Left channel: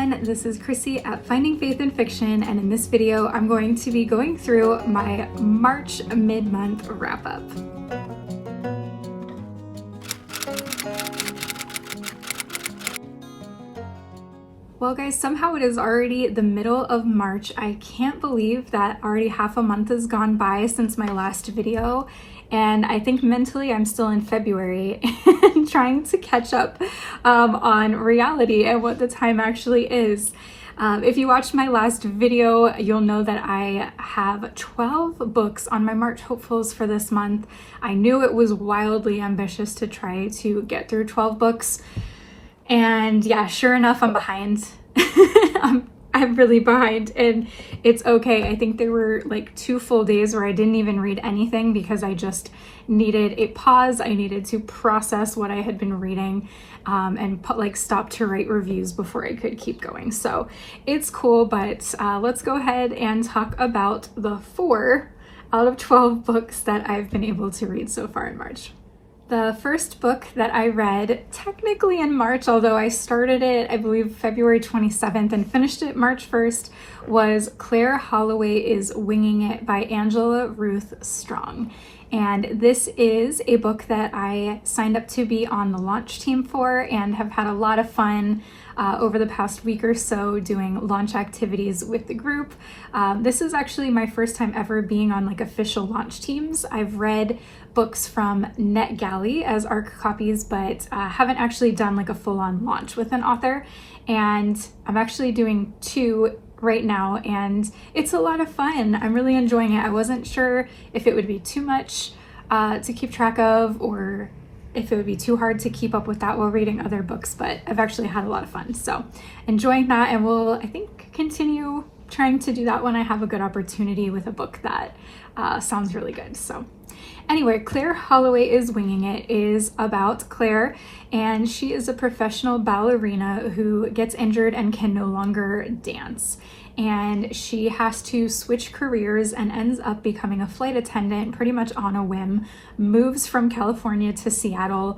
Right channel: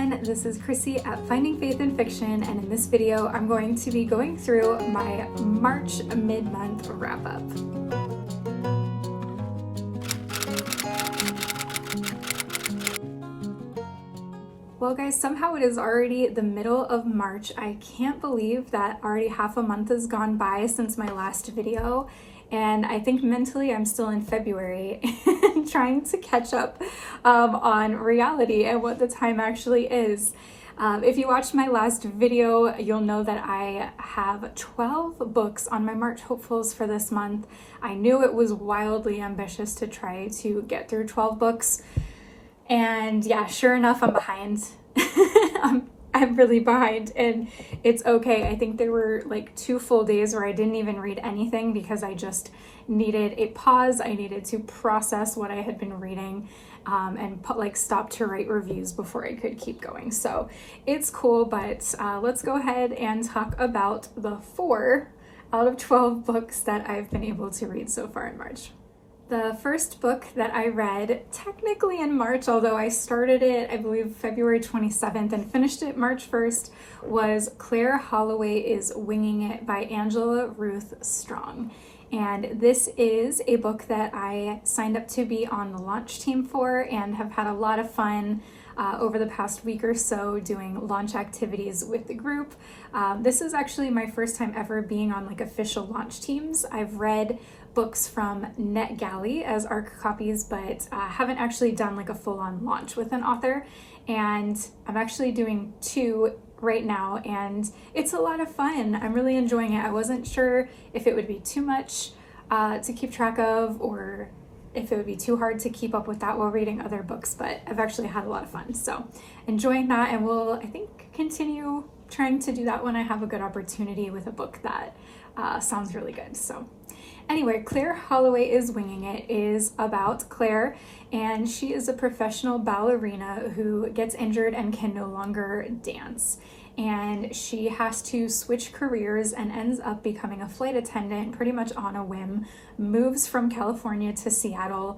everyone, this is Chrissy at Finding Faith in Fiction, and in this video I'm going to be going through my March mid-month wrap-up. Well guys, somehow it is already the middle of March. I can't believe that already half a month has gone by since my last video, and I think mentally I'm still in February and trying to catch up on reality and what the time actually is. If you watched my last video, you'll know that I have 12 books on my March hopefuls for this month. I knew it was wildly ambitious to try to get through 12 books. And yeah, sure enough, I'm behind. I'm really behind, and it's okay. I think there were like 2 full days where I didn't even read anything because I just needed a pause. I needed to process what I had been reading and stop to write reviews before I could keep going. So it's cool, but let's go ahead and talk about the 4 out of 12 books that I've been able to read so far in March. The first book that I read, technically in March, although I started it, I believe, February 27th and finished it March 1st, was Claire Holloway is Winging It by Angela Ruth Strong. And this is a book that I signed up to be on the launch team for and have had a lot of fun over the past week or so doing launch activities with the group. This is actually my first time ever being on like official launch teams. I've read books from NetGalley as ARC copies, but haven't actually done like a full-on launch with an author. And I'm actually doing 2 right now, and it's a lot of fun. I'm really enjoying it. I wasn't sure if it would be too much to keep track of, or if it would be too hard to keep up with that while reading other books, but I've actually had a lot of fun. So enjoying that, and we'll, I think, continue trying to do that when I have a good opportunity with a book that sounds really good. So anyway, Claire Holloway is Winging It is about Claire, and she is a professional ballerina who gets injured and can no longer dance. And she has to switch careers and ends up becoming a flight attendant pretty much on a whim, moves from California to Seattle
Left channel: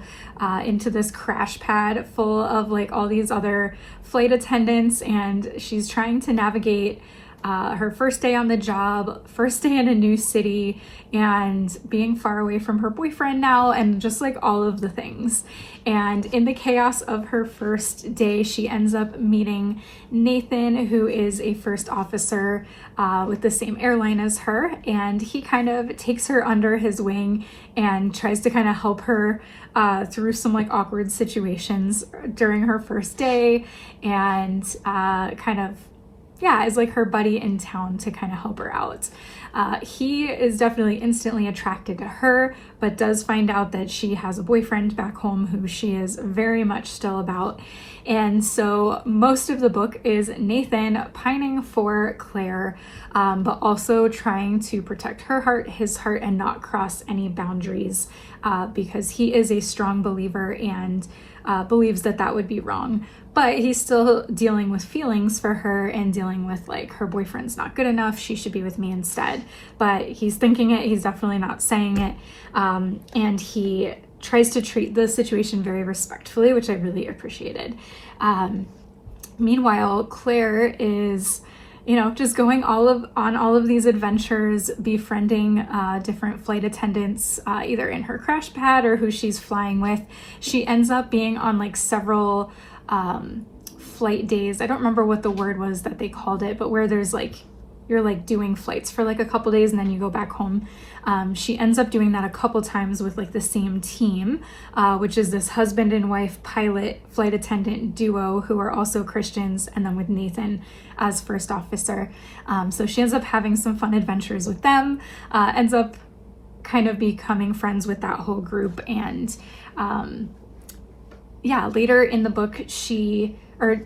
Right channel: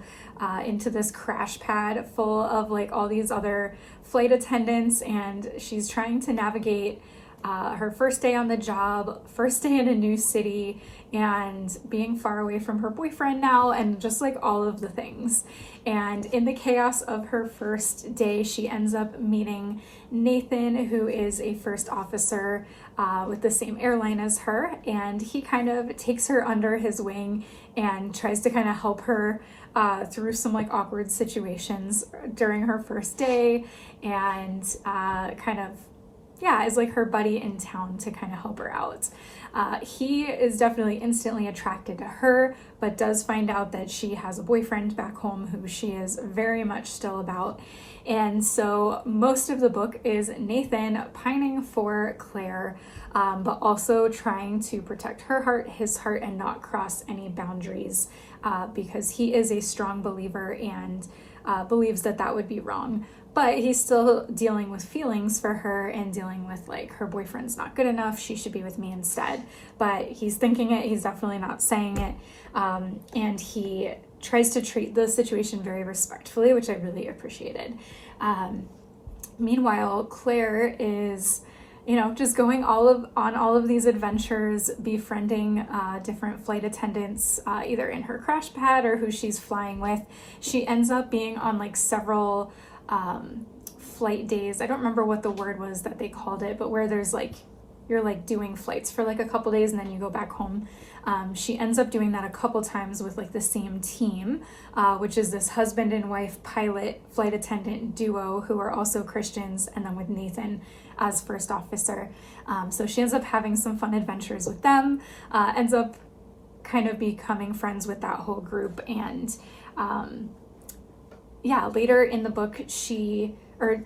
into this crash pad full of like all these other flight attendants, and she's trying to navigate her first day on the job, first day in a new city, and being far away from her boyfriend now, and just like all of the things. And in the chaos of her first day, she ends up meeting Nathan, who is a first officer with the same airline as her, and he kind of takes her under his wing and tries to kind of help her through some like awkward situations during her first day, and is like her buddy in town to kind of help her out. He is definitely instantly attracted to her, but does find out that she has a boyfriend back home who she is very much still about. And so most of the book is Nathan pining for Claire, but also trying to protect her heart, his heart, and not cross any boundaries because he is a strong believer and believes that that would be wrong. But he's still dealing with feelings for her and dealing with like her boyfriend's not good enough, she should be with me instead. But he's thinking it, he's definitely not saying it. And he tries to treat the situation very respectfully, which I really appreciated. Meanwhile, Claire is, you know, just going on all of these adventures, befriending different flight attendants, either in her crash pad or who she's flying with. She ends up being on like several flight days. I don't remember what the word was that they called it, but where there's like, you're like doing flights for like a couple days and then you go back home. She ends up doing that a couple times with like the same team, which is this husband and wife pilot flight attendant duo who are also Christians, and then with Nathan as first officer. So she ends up having some fun adventures with them, ends up kind of becoming friends with that whole group. And later in the book,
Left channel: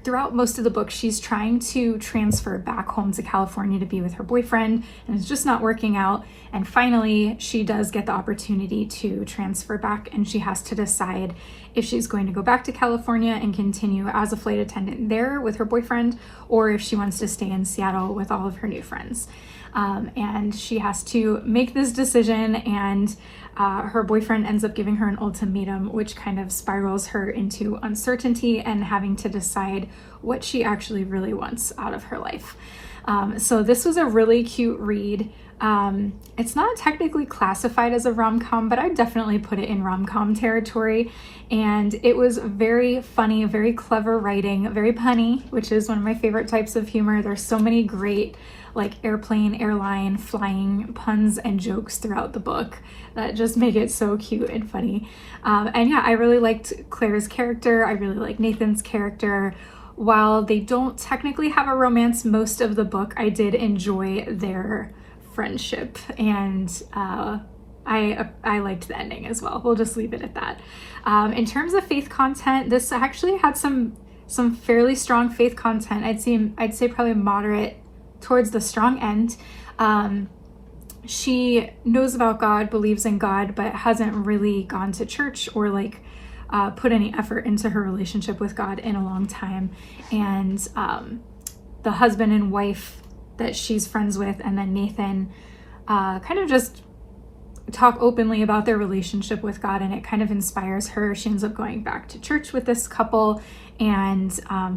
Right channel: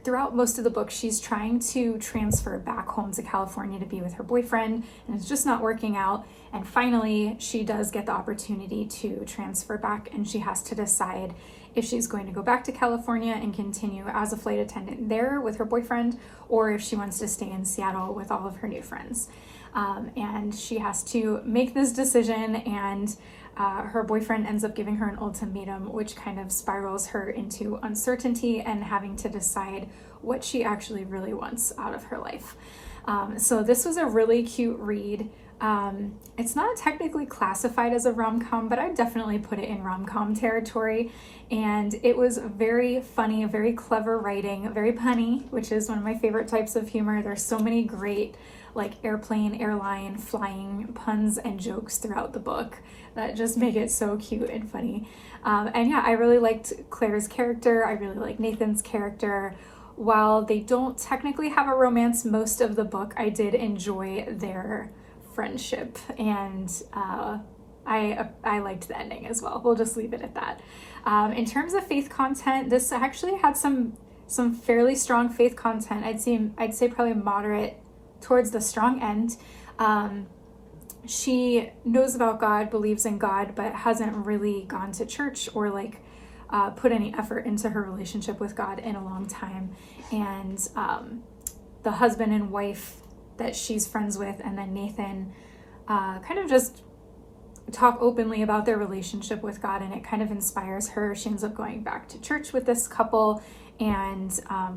throughout most of the book, she's trying to transfer back home to California to be with her boyfriend, and it's just not working out. And finally, she does get the opportunity to transfer back, and she has to decide if she's going to go back to California and continue as a flight attendant there with her boyfriend, or if she wants to stay in Seattle with all of her new friends. and she has to make this decision, and her boyfriend ends up giving her an ultimatum, which kind of spirals her into uncertainty and having to decide what she actually really wants out of her life. So this was a really cute read. It's not technically classified as a rom-com, but I definitely put it in rom-com territory. And it was very funny, very clever writing, very punny, which is one of my favorite types of humor. There's so many great like airplane, airline, flying puns and jokes throughout the book that just make it so cute and funny. And yeah, I really liked Claire's character. I really like Nathan's character. While they don't technically have a romance most of the book, I did enjoy their friendship, and I liked the ending as well. We'll just leave it at that. In terms of faith content, this actually had some fairly strong faith content. I'd say probably moderate towards the strong end. She knows about God, believes in God, but hasn't really gone to church or like put any effort into her relationship with God in a long time. And the husband and wife that she's friends with, and then Nathan, kind of just talk openly about their relationship with God, and it kind of inspires her. She ends up going back to church with this couple and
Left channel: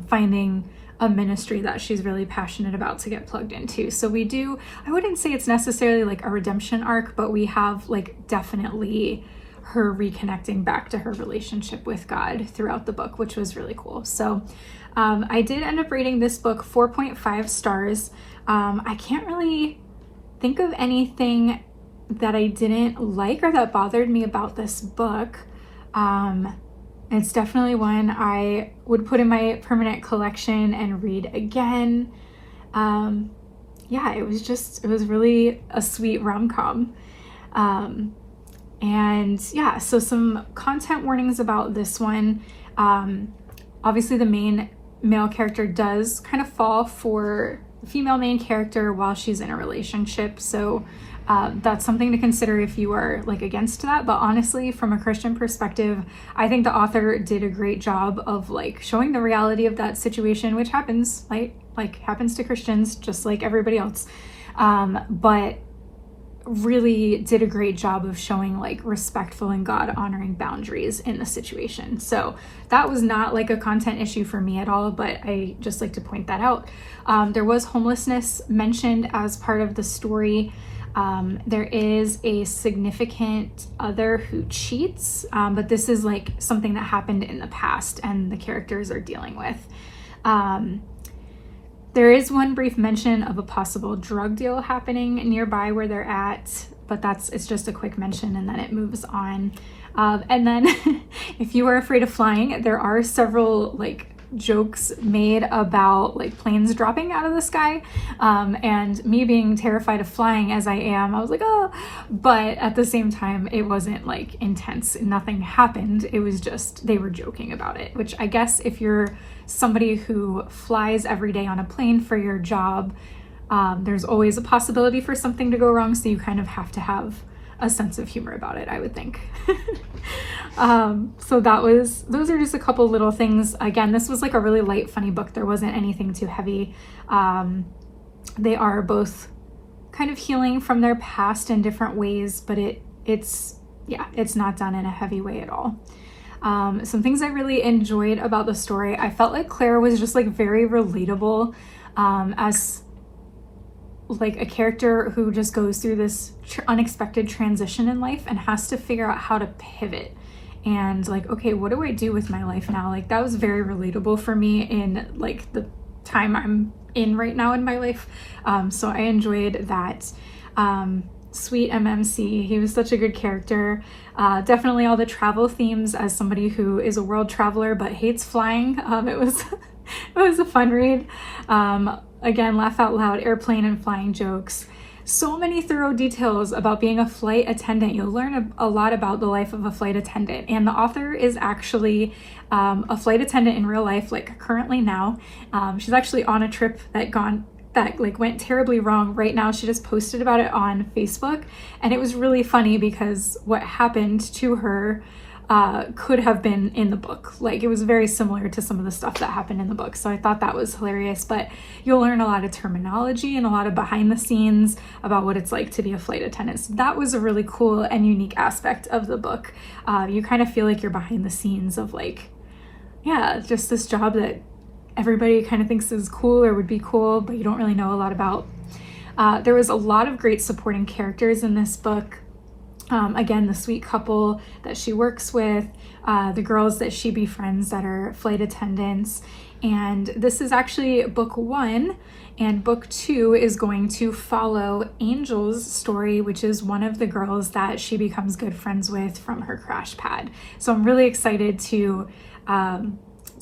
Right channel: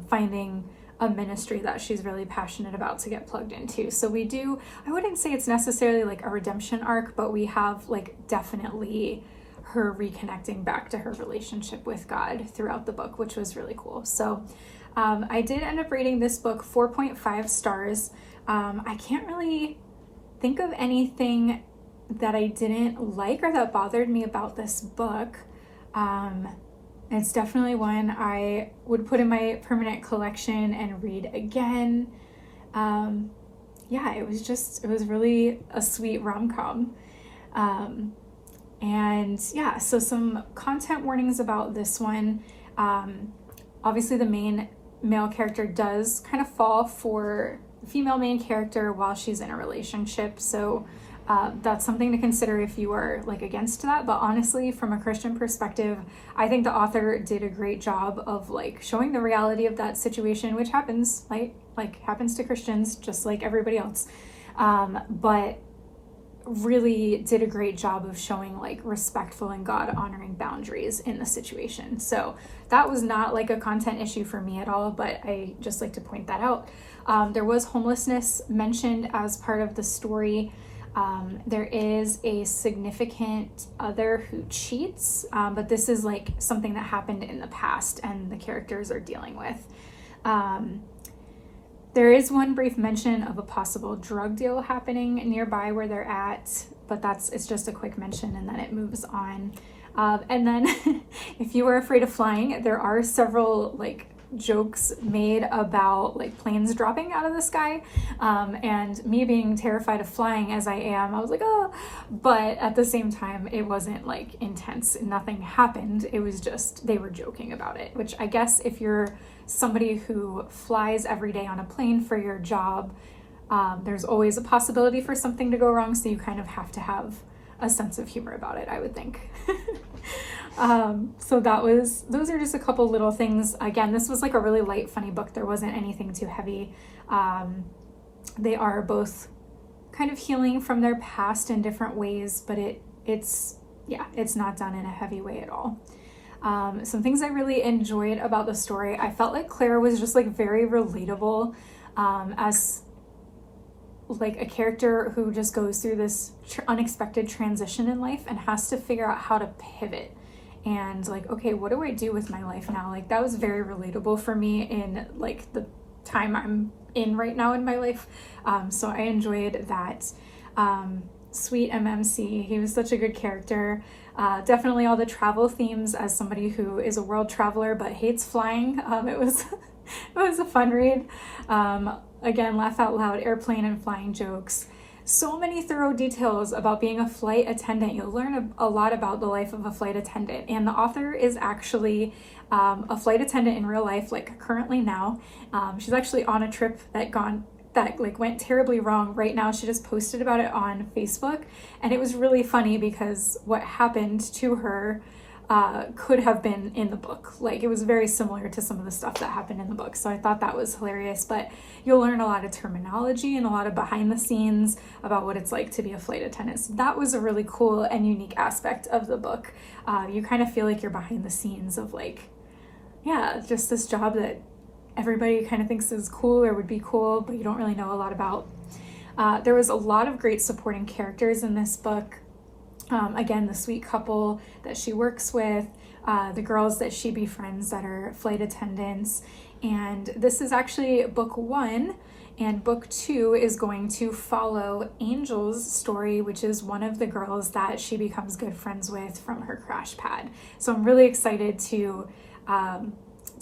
finding a ministry that she's really passionate about to get plugged into. So we do, I wouldn't say it's necessarily like a redemption arc, but we have like definitely her reconnecting back to her relationship with God throughout the book, which was really cool. So I did end up rating this book 4.5 stars. I can't really think of anything that I didn't like or that bothered me about this book. It's definitely one I would put in my permanent collection and read again. Yeah, it was really a sweet rom-com. And yeah, so some content warnings about this one. Obviously the main male character does kind of fall for the female main character while she's in a relationship. So that's something to consider if you are like against that. But honestly, from a Christian perspective, I think the author did a great job of like showing the reality of that situation, which happens, like happens to Christians just like everybody else. But really did a great job of showing like respectful and God honoring boundaries in the situation. So that was not like a content issue for me at all, but I just like to point that out. There was homelessness mentioned as part of the story. There is a significant other who cheats, but this is like something that happened in the past and the characters are dealing with. There is one brief mention of a possible drug deal happening nearby where they're at, but it's just a quick mention and then it moves on. And then if you are afraid of flying, there are several like jokes made about like planes dropping out of the sky, and me being terrified of flying as I am, I was like, oh, but at the same time it wasn't like intense, nothing happened. It was just they were joking about it, which I guess if you're somebody who flies every day on a plane for your job, there's always a possibility for something to go wrong, so you kind of have to have a sense of humor about it, I would think. So those are just a couple little things. Again, this was like a really light, funny book. There wasn't anything too heavy. They are both kind of healing from their past in different ways, but it's not done in a heavy way at all. Some things I really enjoyed about the story, I felt like Claire was just like very relatable, as like a character who just goes through this unexpected transition in life and has to figure out how to pivot and like, okay, what do I do with my life now? Like that was very relatable for me in like the time I'm in right now in my life. So I enjoyed that. Sweet MMC, he was such a good character. Definitely all the travel themes as somebody who is a world traveler but hates flying. It was a fun read. Again, laugh out loud, airplane and flying jokes. So many thorough details about being a flight attendant. You'll learn a lot about the life of a flight attendant, and the author is actually a flight attendant in real life, like currently now. She's actually on a trip that like went terribly wrong right now. She just posted about it on Facebook, and it was really funny because what happened to her could have been in the book. Like, it was very similar to some of the stuff that happened in the book. So I thought that was hilarious, but you'll learn a lot of terminology and a lot of behind the scenes about what it's like to be a flight attendant. So that was a really cool and unique aspect of the book. You kind of feel like you're behind the scenes of, like, yeah, just this job that everybody kind of thinks is cool or would be cool, but you don't really know a lot about. There was a lot of great supporting characters in this book. Again, the sweet couple that she works with, the girls that she befriends that are flight attendants. And this is actually book 1, and book 2 is going to follow Angel's story, which is one of the girls that she becomes good friends with from her crash pad. So I'm really excited to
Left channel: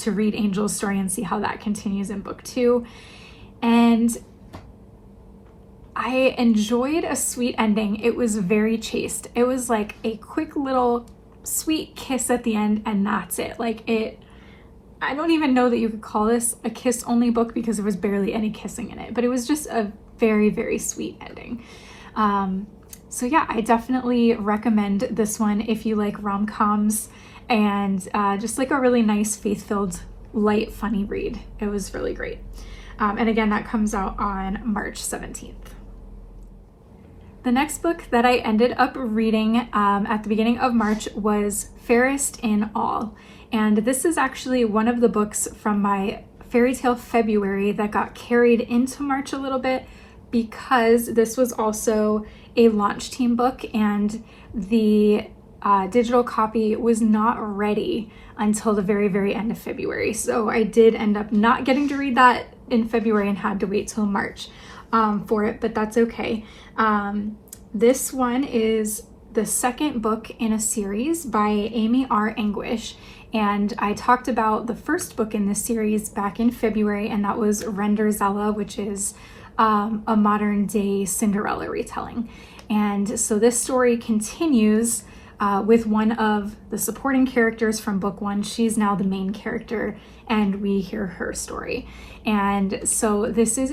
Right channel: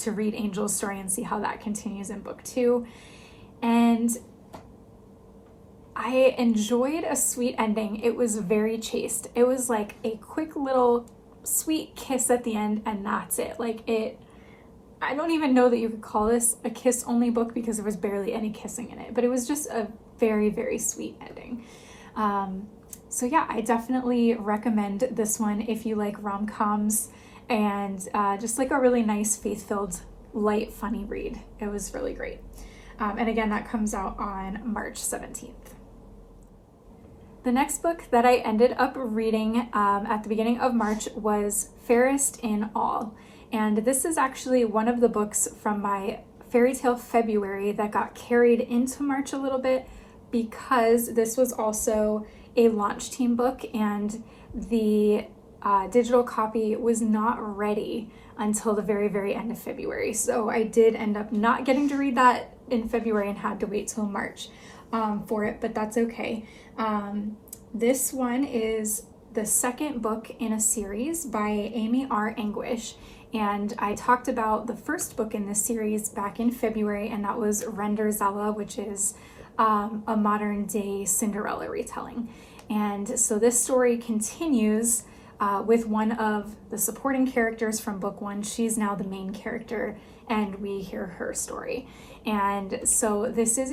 read Angel's story and see how that continues in book 2. And I enjoyed a sweet ending. It was very chaste. It was like a quick little sweet kiss at the end, and that's it. Like, I don't even know that you could call this a kiss only book because there was barely any kissing in it, but it was just a very, very sweet ending. So yeah, I definitely recommend this one if you like rom-coms and just like a really nice, faith-filled, light, funny read. It was really great. And again, that comes out on March 17th. The next book that I ended up reading at the beginning of March was Fairest in All. And this is actually one of the books from my fairy tale February that got carried into March a little bit, because this was also a launch team book, and the digital copy was not ready until the very, very end of February. So I did end up not getting to read that in February and had to wait till March for it, but that's okay. This one is the second book in a series by Amy R. Anguish, and I talked about the first book in this series back in February, and that was 𝐈'𝐸𝐲𝐬, which is a modern day Cinderella retelling. And so this story continues with one of the supporting characters from book 1. She's now the main character, and we hear her story. And so this is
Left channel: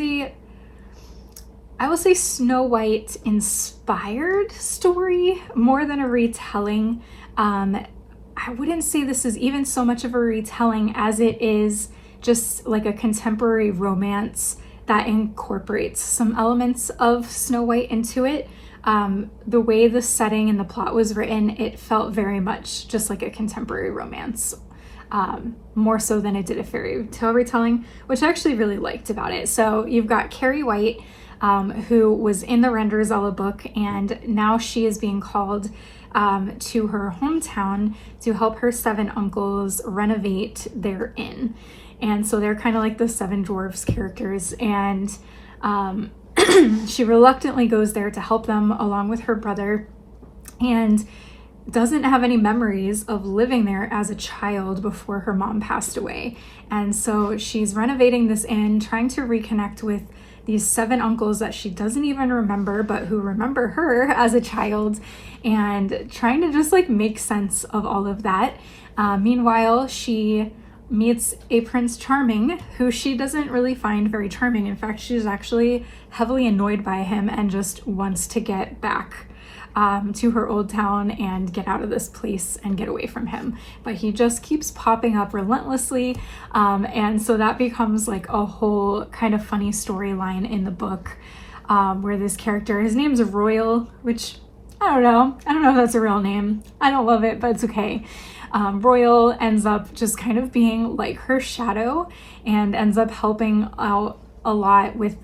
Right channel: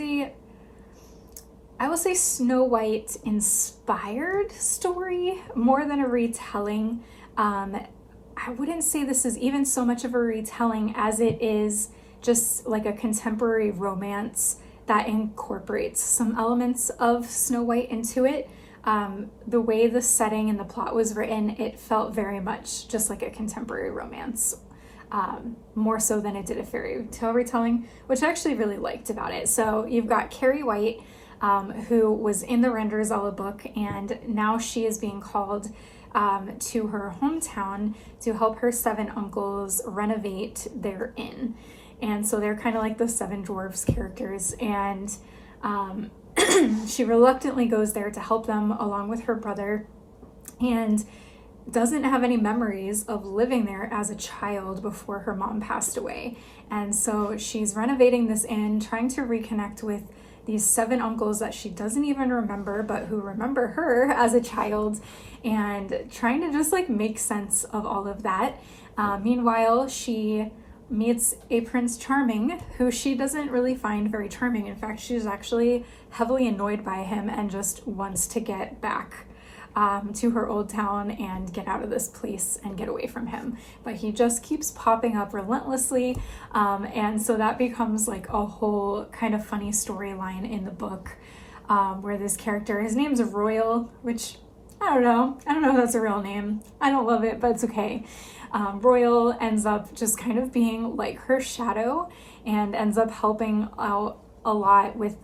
I would say Snow White inspired story more than a retelling. I wouldn't say this is even so much of a retelling as it is just like a contemporary romance that incorporates some elements of Snow White into it. The way the setting and the plot was written, it felt very much just like a contemporary romance, more so than it did a fairy tale retelling, which I actually really liked about it. So you've got Carrie White, who was in the 𝐈'𝐸𝐲𝐬 book, and now she is being called to her hometown to help her 7 uncles renovate their inn. And so they're kind of like the 7 dwarfs characters, and she reluctantly goes there to help them along with her brother, and doesn't have any memories of living there as a child before her mom passed away. And so she's renovating this inn, trying to reconnect with these 7 uncles that she doesn't even remember, but who remember her as a child, and trying to just like make sense of all of that. Meanwhile, she meets a Prince Charming who she doesn't really find very charming. In fact, she's actually heavily annoyed by him and just wants to get back to her old town and get out of this place and get away from him. But he just keeps popping up relentlessly. And so that becomes like a whole kind of funny storyline in the book, where this character, his name's Royal, which I don't know if that's a real name. I don't love it, but it's okay. Royal ends up just kind of being like her shadow and ends up helping out a lot with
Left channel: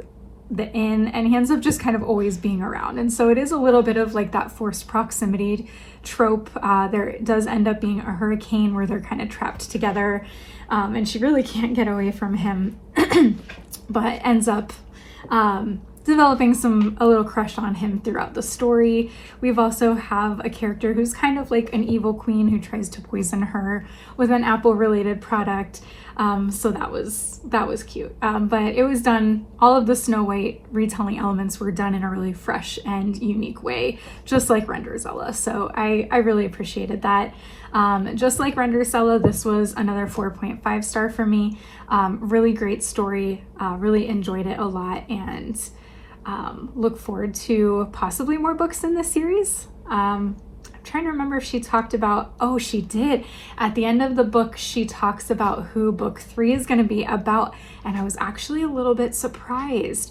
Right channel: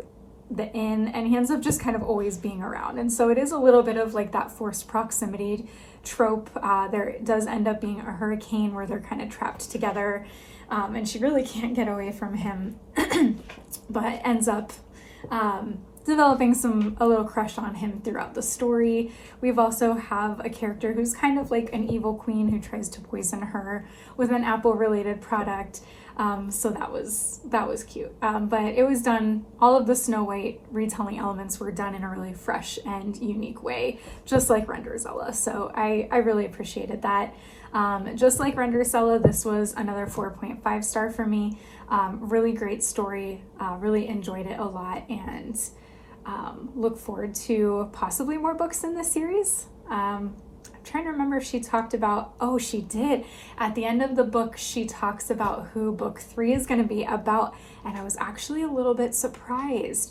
the inn, and he ends up just kind of always being around. And so it is a little bit of like that forced proximity trope. There does end up being a hurricane where they're kind of trapped together, and she really can't get away from him, but ends up developing a little crush on him throughout the story. We've also have a character who's kind of like an evil queen who tries to poison her with an apple related product. So that was cute. But it was done, all of the Snow White retelling elements were done in a really fresh and unique way, just like 𝐈'𝐸𝐲𝐬. So I really appreciated that. Just like 𝐈'𝐸𝐲𝐬, this was another 4.5 star for me. Really great story, really enjoyed it a lot, and look forward to possibly more books in this series. I'm trying to remember if she talked about, oh, she did. At the end of the book, she talks about who book 3 is going to be about. And I was actually a little bit surprised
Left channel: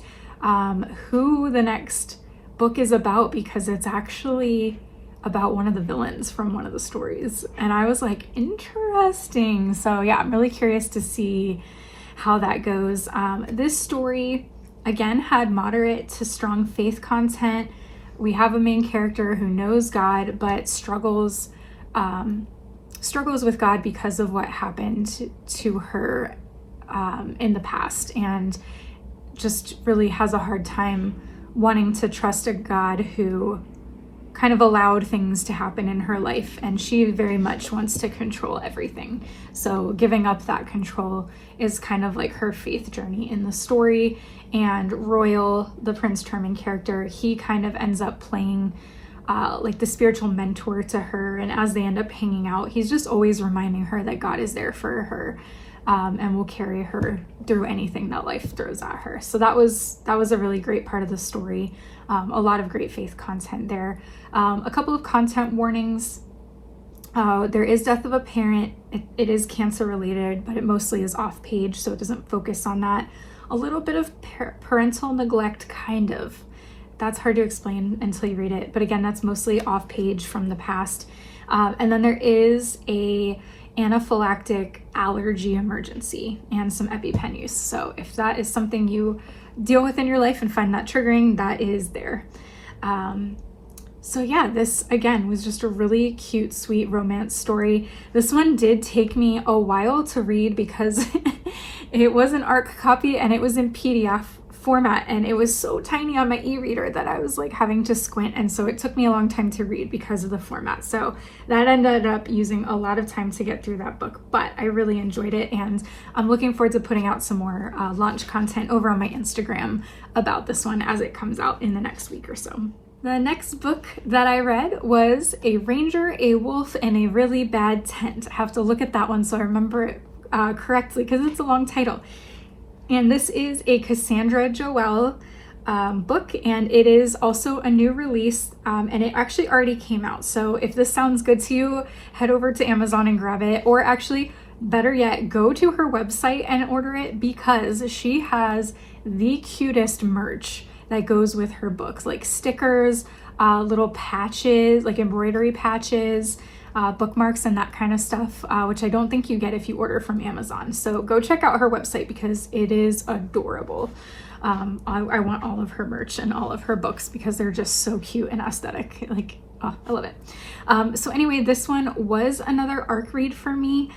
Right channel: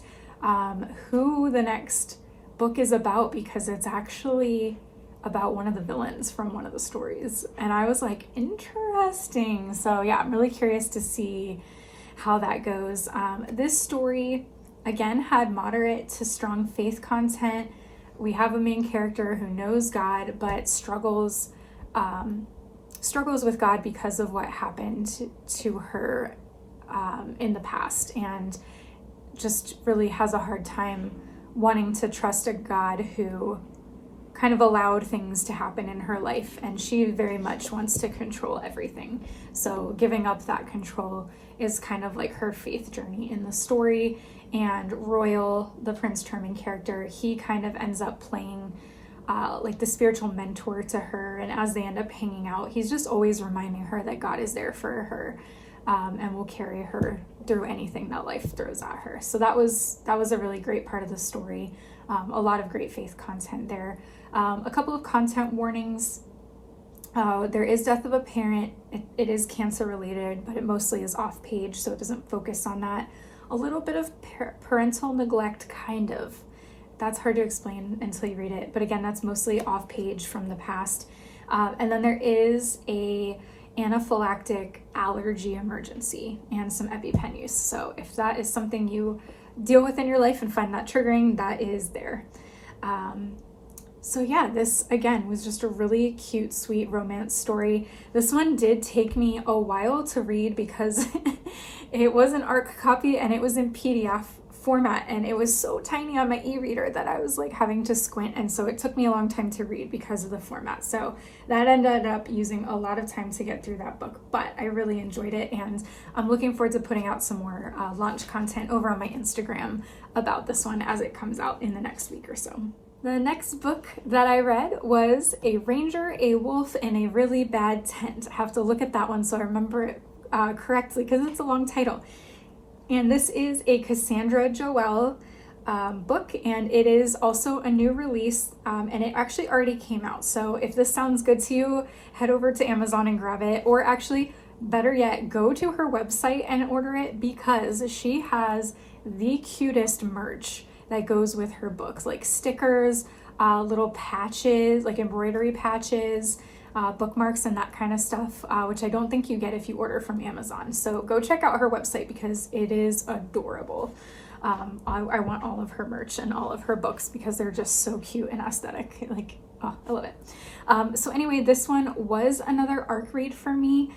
who the next book is about, because it's actually about one of the villains from one of the stories. And I was like, interesting. So yeah, I'm really curious to see how that goes. This story, again, had moderate to strong faith content. We have a main character who knows God, but struggles with God because of what happened to her in the past, and just really has a hard time wanting to trust a God who kind of allowed things to happen in her life, and she very much wants to control everything. So giving up that control is kind of like her faith journey in the story. And Royal, the Prince Charming character, he kind of ends up playing like the spiritual mentor to her, and as they end up hanging out, he's just always reminding her that God is there for her, and will carry her through anything that life throws at her. So that was a really great part of the story. A lot of great faith content there. A couple of content warnings. There is death of a parent. It is cancer related, but it mostly is off page, so it doesn't focus on that. A little bit of parental neglect, kind of. That's hard to explain until you read it, but again, that's mostly off page from the past. And then there is a anaphylactic allergy emergency and some EpiPen use. So if that is something you deal with in your life and find that triggering, that is there. So yeah, this again was just a really cute, sweet romance story. This one did take me a while to read because it was an ARC copy and it was in PDF format, and it was so tiny on my e-reader that I was like having to squint, and so it took me a long time to read because of the format. So that ended up using a lot of time to get through that book, but I really enjoyed it, and I'm looking forward to putting out some more launch content over on my Instagram about this one as it comes out in the next week or so. The next book that I read was A Ranger, a Wolf, and a Really Bad Tent. I have to look at that one so I remember it correctly because it's a long title. And this is a Cassandra Joelle book, and it is also a new release, and it actually already came out. So if this sounds good to you, head over to Amazon and grab it, or actually, better yet, go to her website and order it, because she has the cutest merch that goes with her books, like stickers, little patches, like embroidery patches, bookmarks, and that kind of stuff, which I don't think you get if you order from Amazon. So go check out her website because it is adorable. I want all of her merch and all of her books because they're just so cute and aesthetic. Like, oh, I love it. So anyway, this one was another ARC read for me.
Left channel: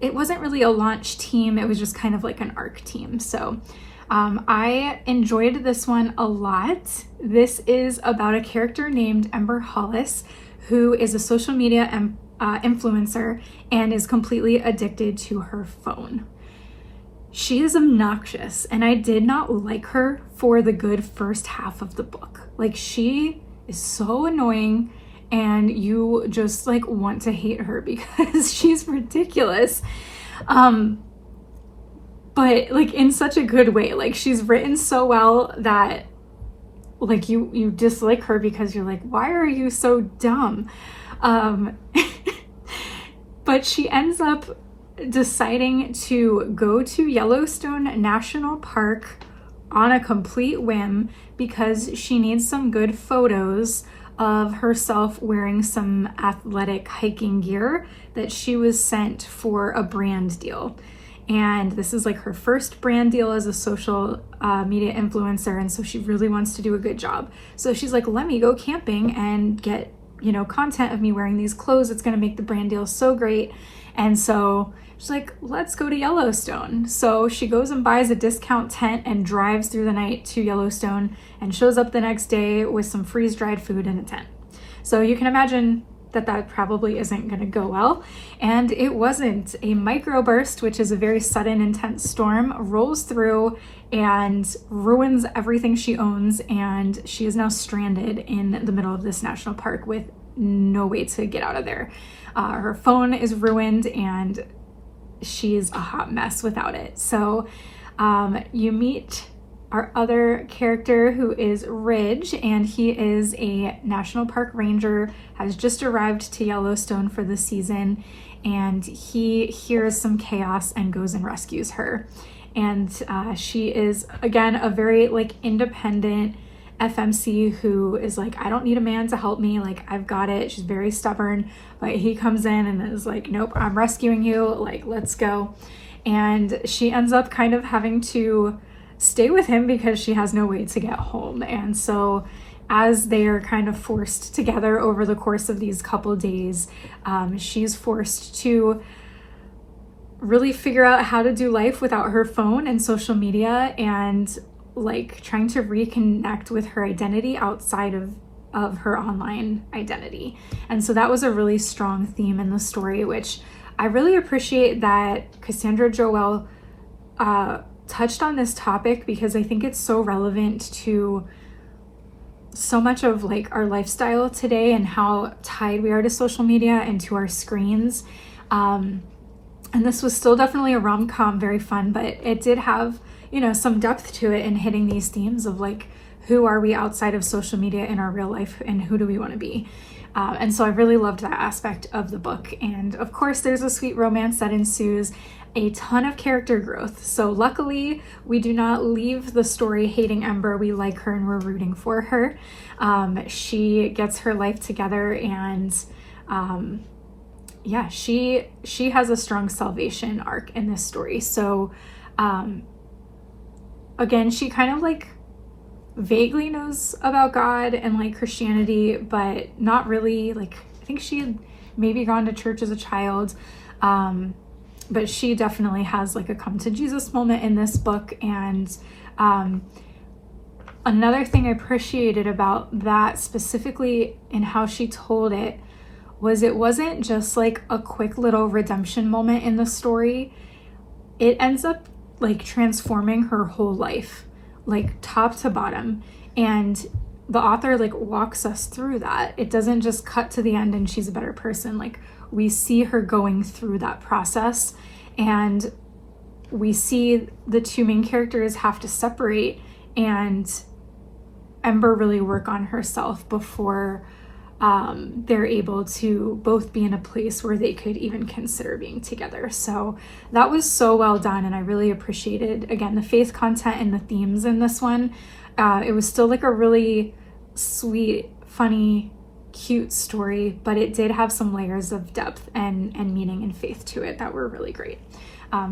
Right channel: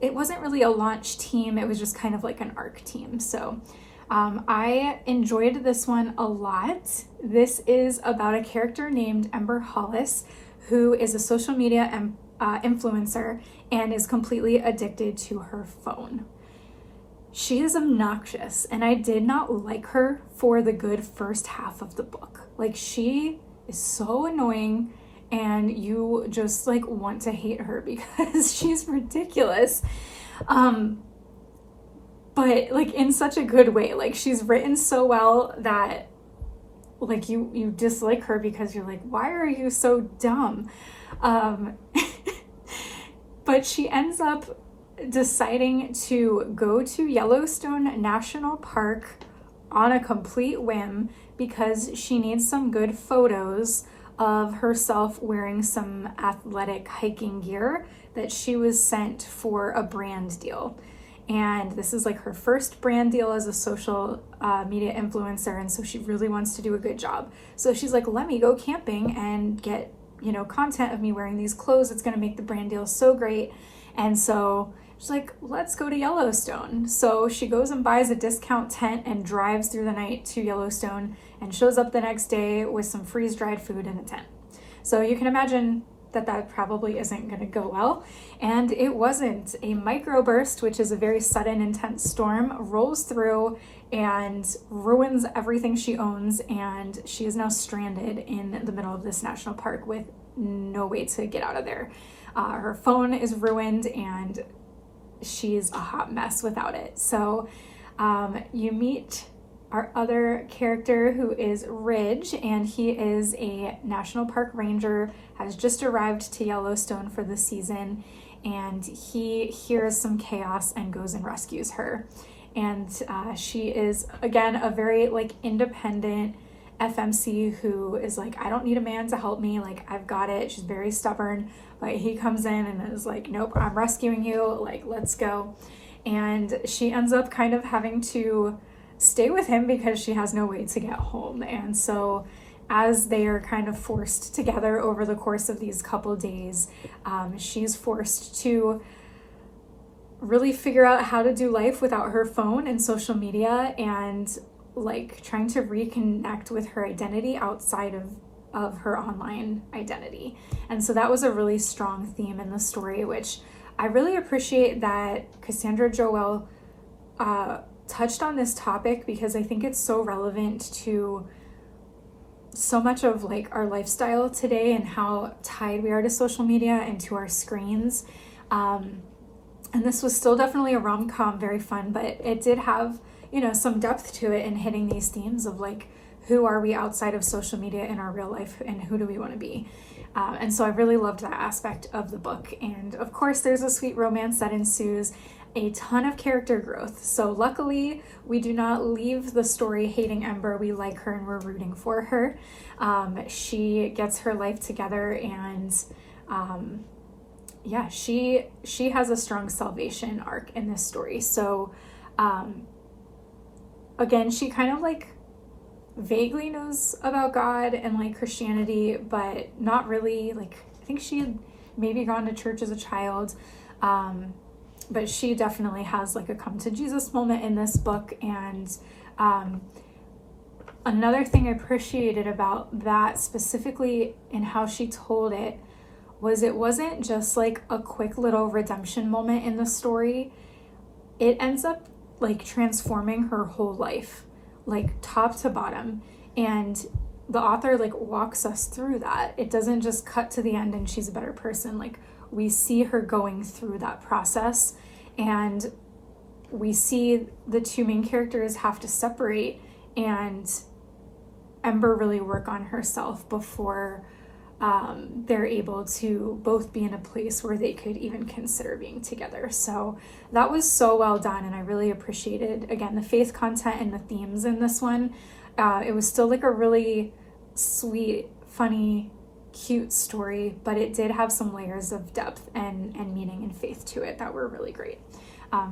It wasn't really a launch team. It was just kind of like an ARC team. So I enjoyed this one a lot. This is about a character named Ember Hollis, who is a social media influencer and is completely addicted to her phone. She is obnoxious, and I did not like her for the good first half of the book. Like, she is so annoying, and you just like want to hate her because she's ridiculous. But like in such a good way. Like, she's written so well that like you dislike her because you're like, why are you so dumb? But she ends up deciding to go to Yellowstone National Park on a complete whim because she needs some good photos of herself wearing some athletic hiking gear that she was sent for a brand deal. And this is like her first brand deal as a social media influencer, and so she really wants to do a good job. So she's like, let me go camping and get, you know, content of me wearing these clothes. It's gonna make the brand deal so great. And so she's like, let's go to Yellowstone. So she goes and buys a discount tent and drives through the night to Yellowstone and shows up the next day with some freeze-dried food in a tent. So you can imagine that probably isn't going to go well. And it wasn't. A microburst, which is a very sudden, intense storm, rolls through and ruins everything she owns, and she is now stranded in the middle of this national park with no way to get out of there. Her phone is ruined and she's a hot mess without it. So you meet our other character, who is Ridge, and he is a national park ranger, has just arrived to Yellowstone for the season, and he hears some chaos and goes and rescues her. And she is, again, a very like independent FMC who is like, I don't need a man to help me, like I've got it. She's very stubborn, but he comes in and is like, nope, I'm rescuing you, like let's go. And she ends up kind of having to stay with him because she has no way to get home. And so as they are kind of forced together over the course of these couple days, she's forced to really figure out how to do life without her phone and social media, and like trying to reconnect with her identity outside of her online identity. And so that was a really strong theme in the story, which I really appreciate that Cassandra Joelle touched on this topic, because I think it's so relevant to so much of like our lifestyle today and how tied we are to social media and to our screens. And this was still definitely a rom-com, very fun, but it did have, you know, some depth to it in hitting these themes of like, who are we outside of social media in our real life, and who do we want to be? And so I really loved that aspect of the book. And of course, there's a sweet romance that ensues, a ton of character growth. So luckily, we do not leave the story hating Ember. We like her and we're rooting for her. She gets her life together, and yeah, she has a strong salvation arc in this story. So again, she kind of like vaguely knows about God and like Christianity, but not really. Like, I think she had maybe gone to church as a child, but she definitely has like a come to Jesus moment in this book. And another thing I appreciated about that, specifically in how she told it, was it wasn't just like a quick little redemption moment in the story. It ends up like transforming her whole life, like top to bottom. And the author like walks us through that. It doesn't just cut to the end and she's a better person. Like, we see her going through that process, and we see the two main characters have to separate and Ember really work on herself before they're able to both be in a place where they could even consider being together. So that was so well done, and I really appreciated, again, the faith content and the themes in this one. It was still like a really sweet, funny, cute story, but it did have some layers of depth and meaning and faith to it that were really great.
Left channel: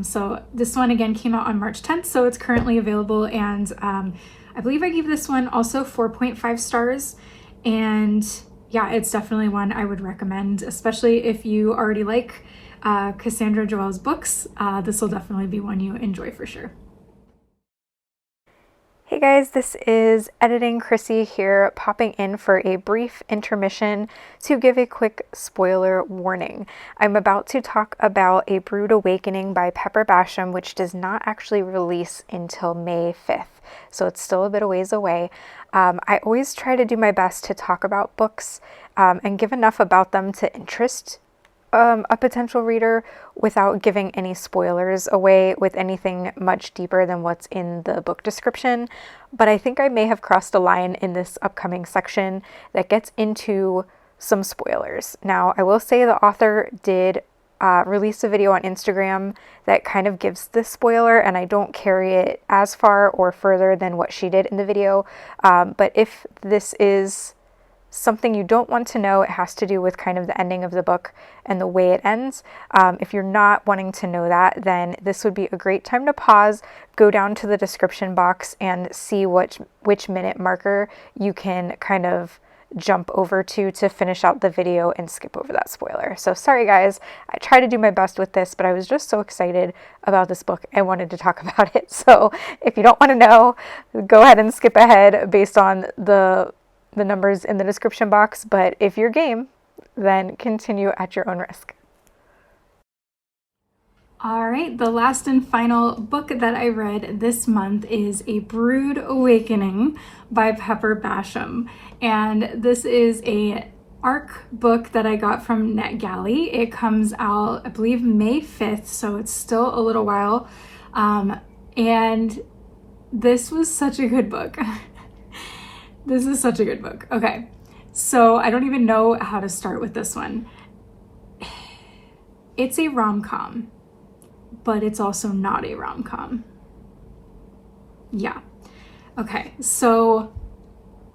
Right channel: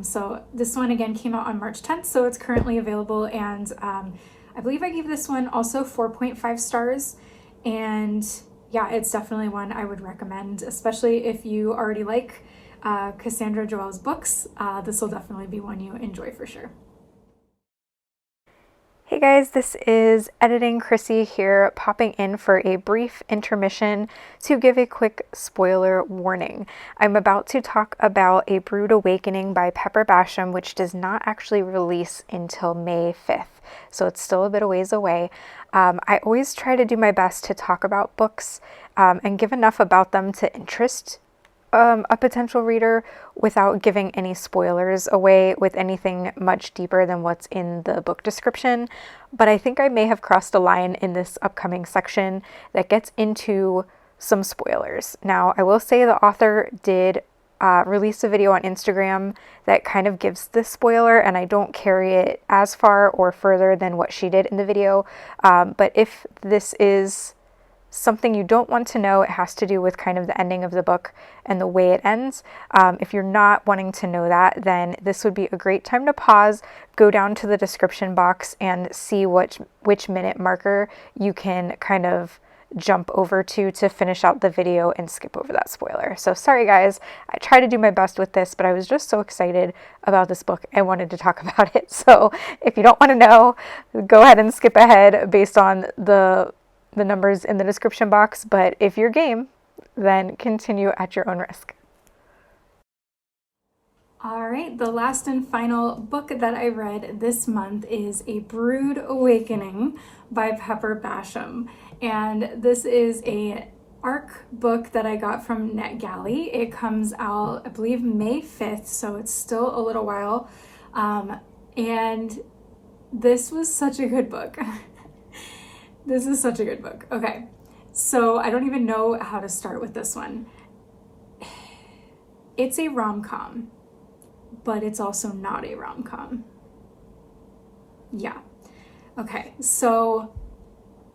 So this one again came out on March 10th, so it's currently available, and I believe I gave this one also 4.5 stars, and yeah, it's definitely one I would recommend, especially if you already like Cassandra Joelle's books. This will definitely be one you enjoy for sure. Hey guys, this is Editing Chrissy here, popping in for a brief intermission to give a quick spoiler warning. I'm about to talk about A Brewed Awakening by Pepper Basham, which does not actually release until May 5th, so it's still a bit of ways away. I always try to do my best to talk about books and give enough about them to interest a potential reader without giving any spoilers away with anything much deeper than what's in the book description. But I think I may have crossed a line in this upcoming section that gets into some spoilers. Now, I will say the author did release a video on Instagram that kind of gives this spoiler, and I don't carry it as far or further than what she did in the video. But if this is something you don't want to know, it has to do with kind of the ending of the book and the way it ends. If you're not wanting to know that, then this would be a great time to pause, go down to the description box and see which minute marker you can kind of jump over to finish out the video and skip over that spoiler. So sorry guys, I try to do my best with this, but I was just so excited about this book I wanted to talk about it. So if you don't want to know, go ahead and skip ahead based on the numbers in the description box, but if you're game, then continue at your own risk. All right, the last and final book that I read this month is A Brewed Awakening by Pepper Basham. And this is a ARC book that I got from NetGalley. It comes out, I believe, May 5th, so it's still a little while. And this was such a good book. This is such a good book. Okay, so I don't even know how to start with this one. It's a rom-com, but it's also not a rom-com. Yeah. Okay, so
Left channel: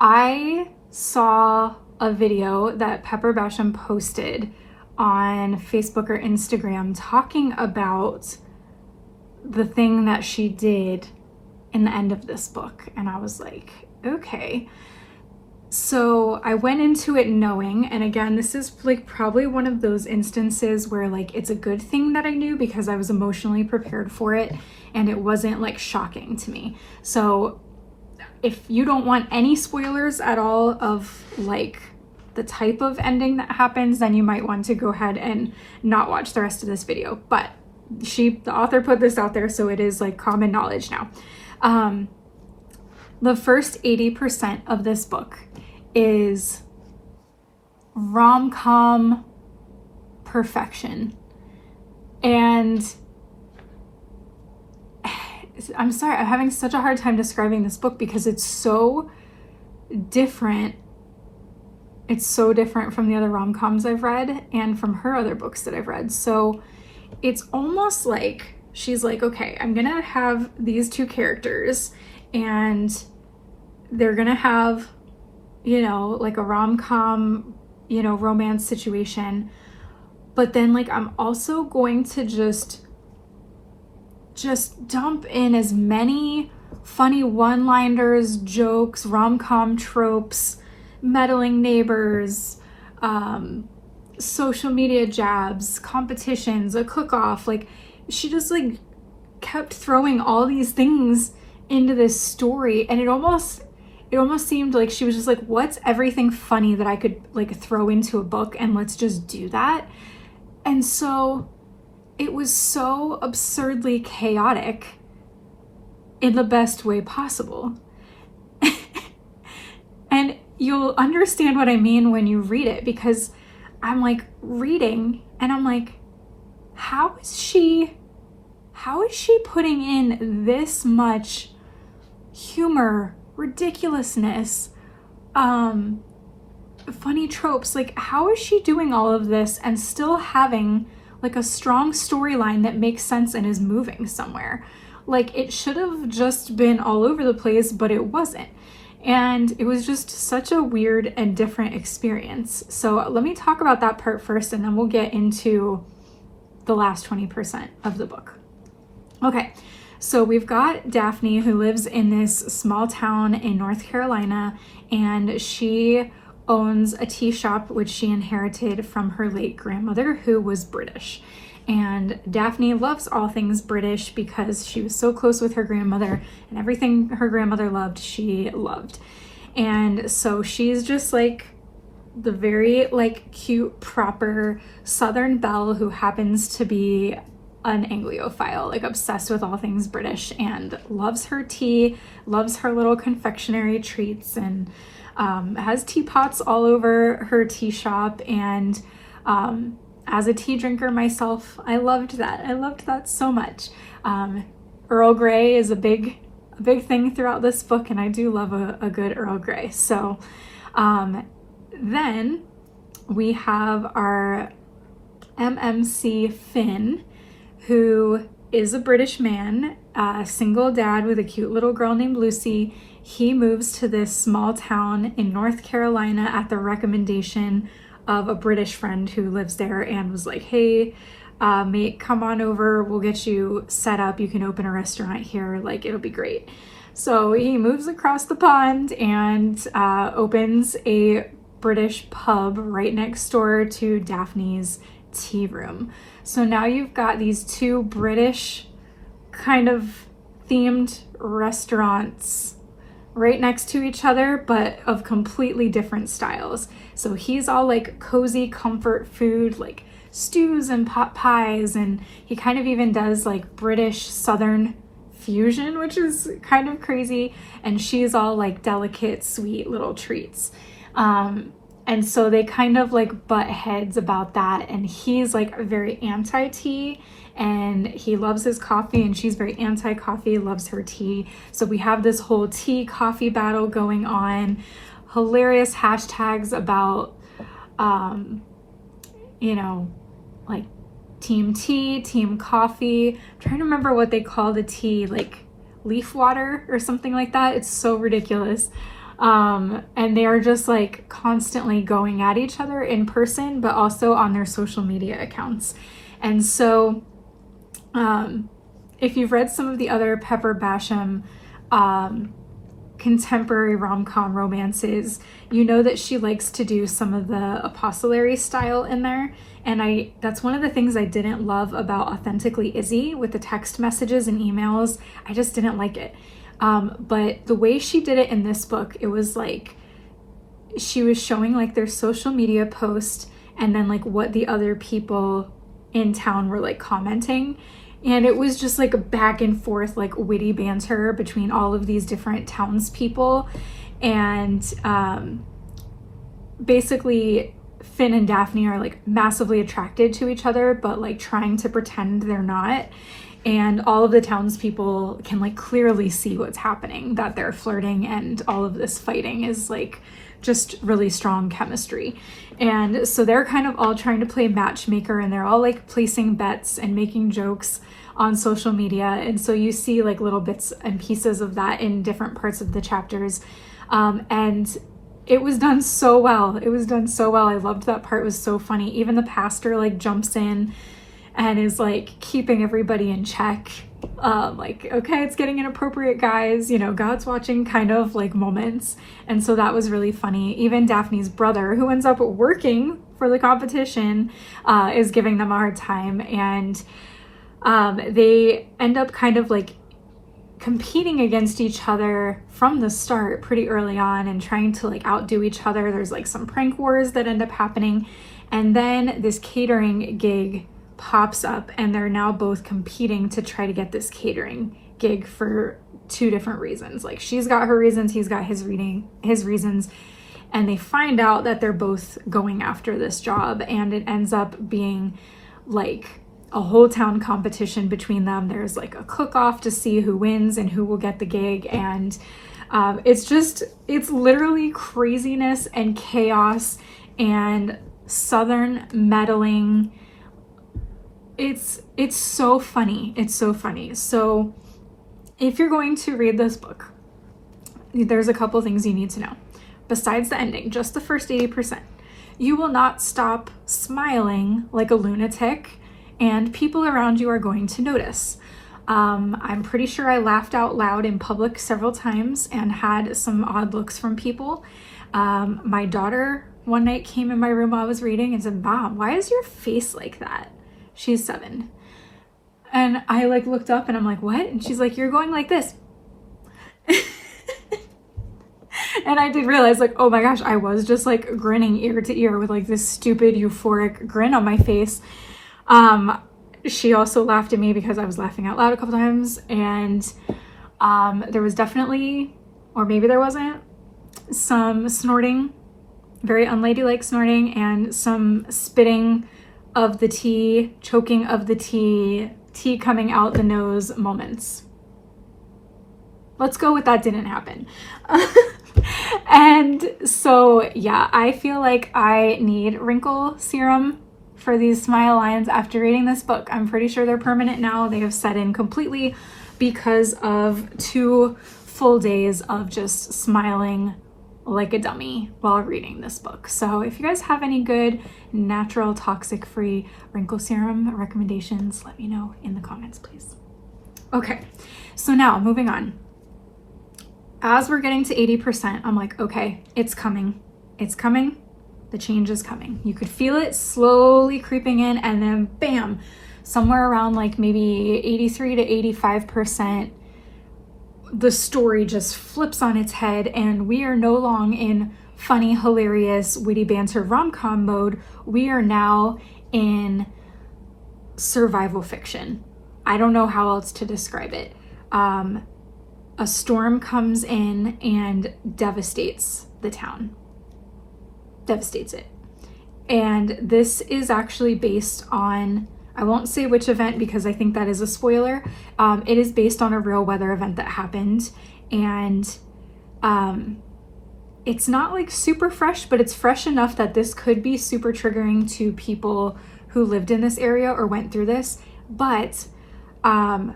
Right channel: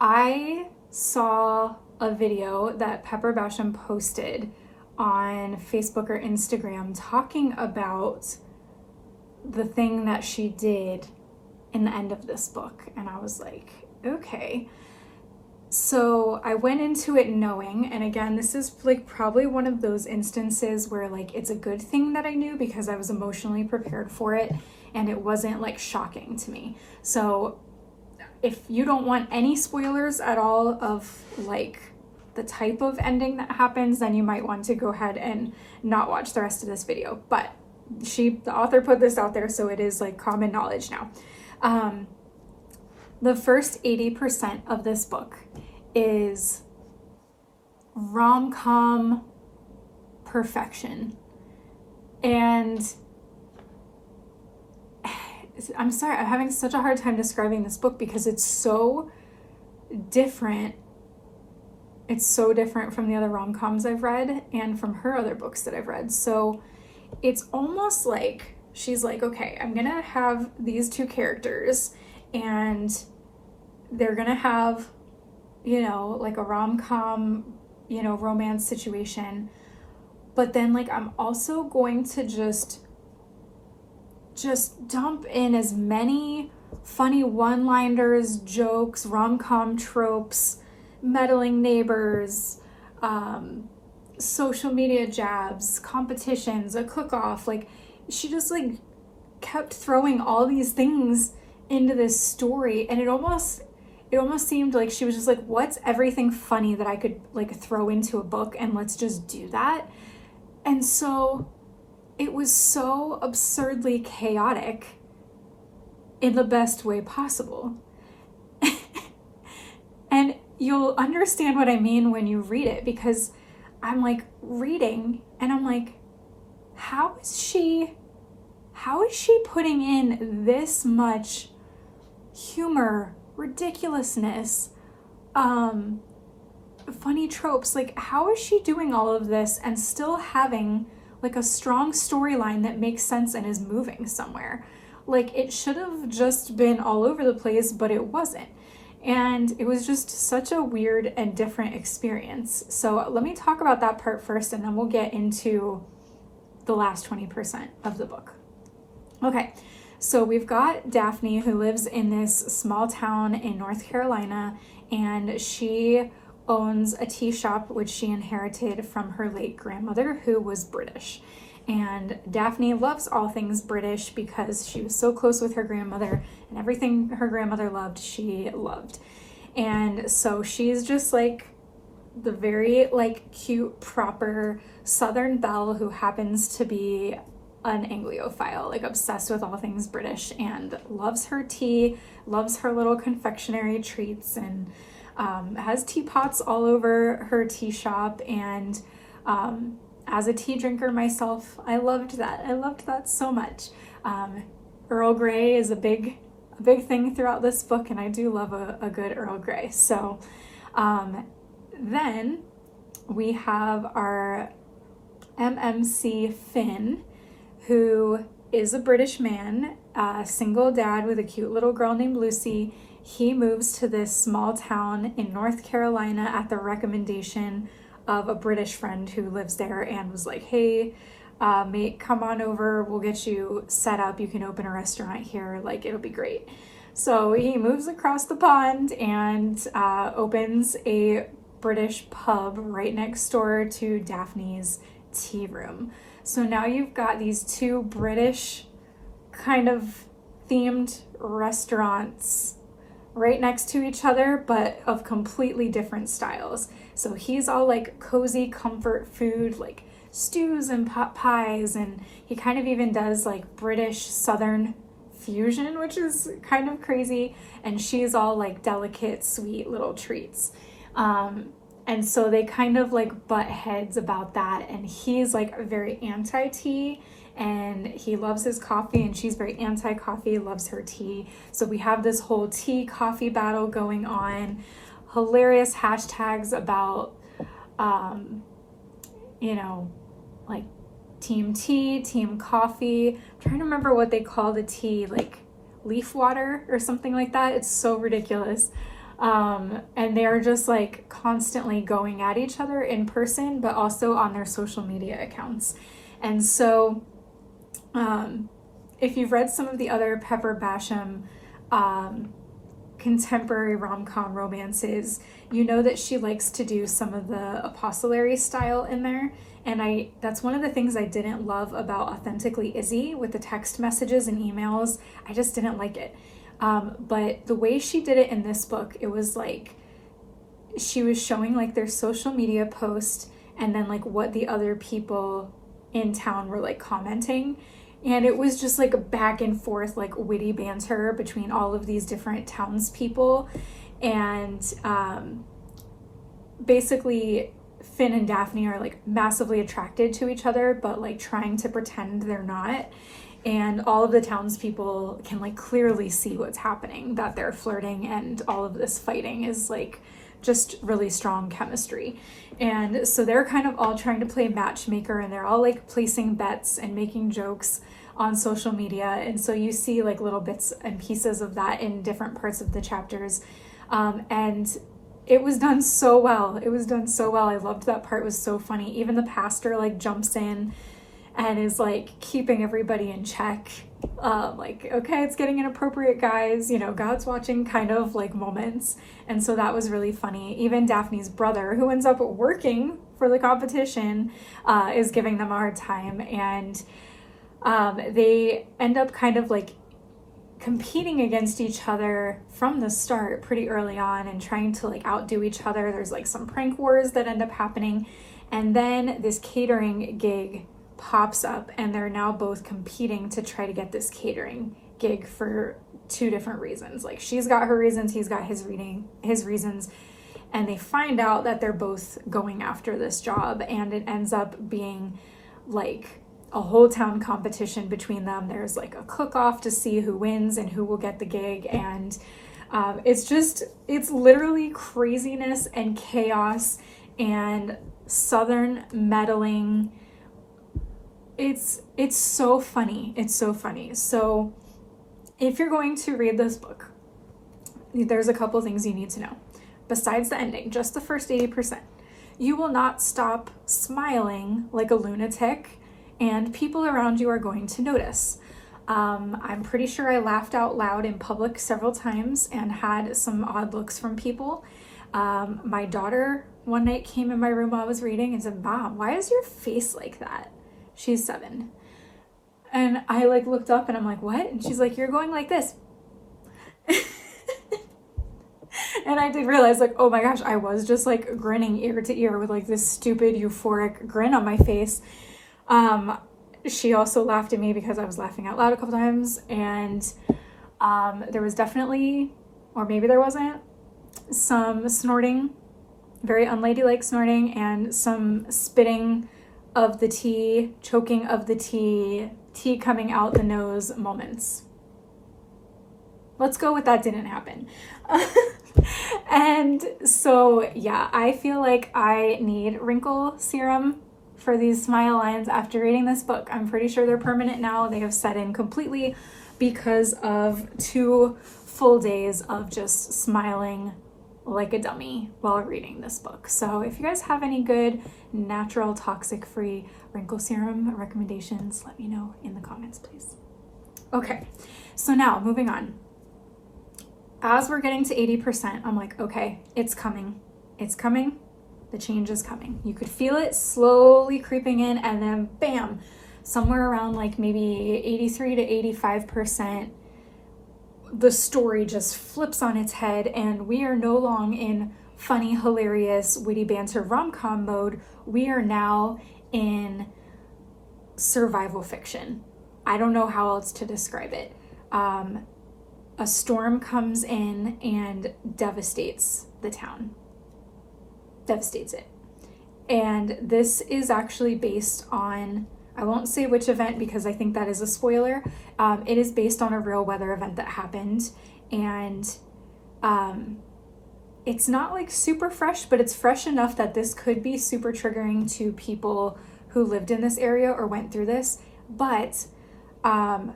I saw a video that Pepper Basham posted on Facebook or Instagram talking about the thing that she did in the end of this book, and I was like, okay. So I went into it knowing, and again, this is like probably one of those instances where like it's a good thing that I knew because I was emotionally prepared for it and it wasn't like shocking to me. So if you don't want any spoilers at all of like the type of ending that happens, then you might want to go ahead and not watch the rest of this video. But the author put this out there, so it is like common knowledge now. The first 80% of this book is rom-com perfection. And I'm sorry, I'm having such a hard time describing this book because it's so different. It's so different from the other rom-coms I've read and from her other books that I've read. So it's almost like she's like, okay, I'm gonna have these two characters and they're gonna have, you know, like a rom-com, you know, romance situation. But then like I'm also going to just dump in as many funny one-liners, jokes, rom-com tropes, meddling neighbors, social media jabs, competitions, a cook-off. Like she just like kept throwing all these things into this story, and it almost seemed like she was just like, what's everything funny that I could like throw into a book, and let's just do that. And so it was so absurdly chaotic in the best way possible. And you'll understand what I mean when you read it, because I'm like reading and I'm like, how is she putting in this much humor, ridiculousness, funny tropes? Like, how is she doing all of this and still having like a strong storyline that makes sense and is moving somewhere? Like, it should have just been all over the place, but it wasn't. And it was just such a weird and different experience. So let me talk about that part first, and then we'll get into the last 20% of the book. Okay, so we've got Daphne, who lives in this small town in North Carolina, and she owns a tea shop which she inherited from her late grandmother, who was British. And Daphne loves all things British because she was so close with her grandmother, and everything her grandmother loved, she loved. And so she's just like the very like cute, proper Southern belle who happens to be an Anglophile, like obsessed with all things British, and loves her tea, loves her little confectionery treats, and has teapots all over her tea shop. And as a tea drinker myself, I loved that. I loved that so much. Earl Grey is a big thing throughout this book, and I do love a good Earl Grey. So then we have our MMC Finn, who is a British man, a single dad with a cute little girl named Lucy. He moves to this small town in North Carolina at the recommendation of a British friend who lives there, and was like, hey, mate, come on over, we'll get you set up, you can open a restaurant here, like it'll be great. So he moves across the pond and opens a British pub right next door to Daphne's tea room. So now you've got these two British kind of themed restaurants right next to each other, but of completely different styles. So he's all like cozy comfort food, like stews and pot pies, and he kind of even does like British Southern fusion, which is kind of crazy. And she's all like delicate, sweet little treats. And so they kind of like butt heads about that, and he's like very anti-tea, and he loves his coffee and she's very anti-coffee, loves her tea. So we have this whole tea coffee battle going on. Hilarious hashtags about, you know, like team tea, team coffee. I'm trying to remember what they call the tea, like leaf water or something like that. It's so ridiculous. And they are just like constantly going at each other in person, but also on their social media accounts. And so if you've read some of the other Pepper Basham contemporary rom-com romances, you know that she likes to do some of the epistolary style in there. And that's one of the things I didn't love about Authentically Izzy with the text messages and emails. I just didn't like it. But the way she did it in this book, it was like she was showing like their social media post and then like what the other people in town were like commenting. And it was just like a back and forth, like witty banter between all of these different townspeople. And basically Finn and Daphne are like massively attracted to each other, but like trying to pretend they're not. And all of the townspeople can like clearly see what's happening, that they're flirting, and all of this fighting is like just really strong chemistry. And so they're kind of all trying to play matchmaker, and they're all like placing bets and making jokes on social media. And so you see like little bits and pieces of that in different parts of the chapters. And it was done so well. It was done so well. I loved that part. It was so funny. Even the pastor like jumps in and is like keeping everybody in check. Like, okay, it's getting inappropriate, guys, you know, God's watching kind of like moments. And so that was really funny. Even Daphne's brother, who ends up working for the competition, is giving them a hard time. And they end up kind of like competing against each other from the start pretty early on and trying to like outdo each other. There's like some prank wars that end up happening. And then this catering gig pops up, and they're now both competing to try to get this catering gig for two different reasons. Like, she's got her reasons, he's got his reasons, and they find out that they're both going after this job, and it ends up being like a whole town competition between them. There's like a cook-off to see who wins and who will get the gig, and it's literally craziness and chaos and Southern meddling. It's so funny. It's so funny. So if you're going to read this book, there's a couple things you need to know. Besides the ending, just the first 80%, you will not stop smiling like a lunatic, and people around you are going to notice. I'm pretty sure I laughed out loud in public several times and had some odd looks from people. My daughter one night came in my room while I was reading and said, "Mom, why is your face like that?" She's 7. And I like looked up and I'm like, "What?" And she's like, "You're going like this." And I did realize, like, oh my gosh, I was just like grinning ear to ear with like this stupid euphoric grin on my face. She also laughed at me because I was laughing out loud a couple times, and there was definitely, or maybe there wasn't, some snorting, very unladylike snorting, and some spitting of the tea, choking of the tea coming out the nose moments. Let's go with that didn't happen. And so yeah, I feel like I need wrinkle serum for these smile lines after reading this book. I'm pretty sure they're permanent now. They have set in completely because of 2 full days of just smiling like a dummy while reading this book. So if you guys have any good natural toxic-free wrinkle serum recommendations, let me know in the comments, please. Okay, so now moving on. As we're getting to 80%, I'm like, okay, it's coming. It's coming. The change is coming. You could feel it slowly creeping in, and then bam, somewhere around like maybe 83 to 85%, the story just flips on its head, and we are no longer in funny, hilarious, witty banter rom-com mode. We are now in survival fiction. I don't know how else to describe it. A storm comes in and devastates the town. Devastates it. And this is actually based on I won't say which event because I think that is a spoiler. It is based on a real weather event that happened, and it's not like super fresh, but it's fresh enough that this could be super triggering to people who lived in this area or went through this. But I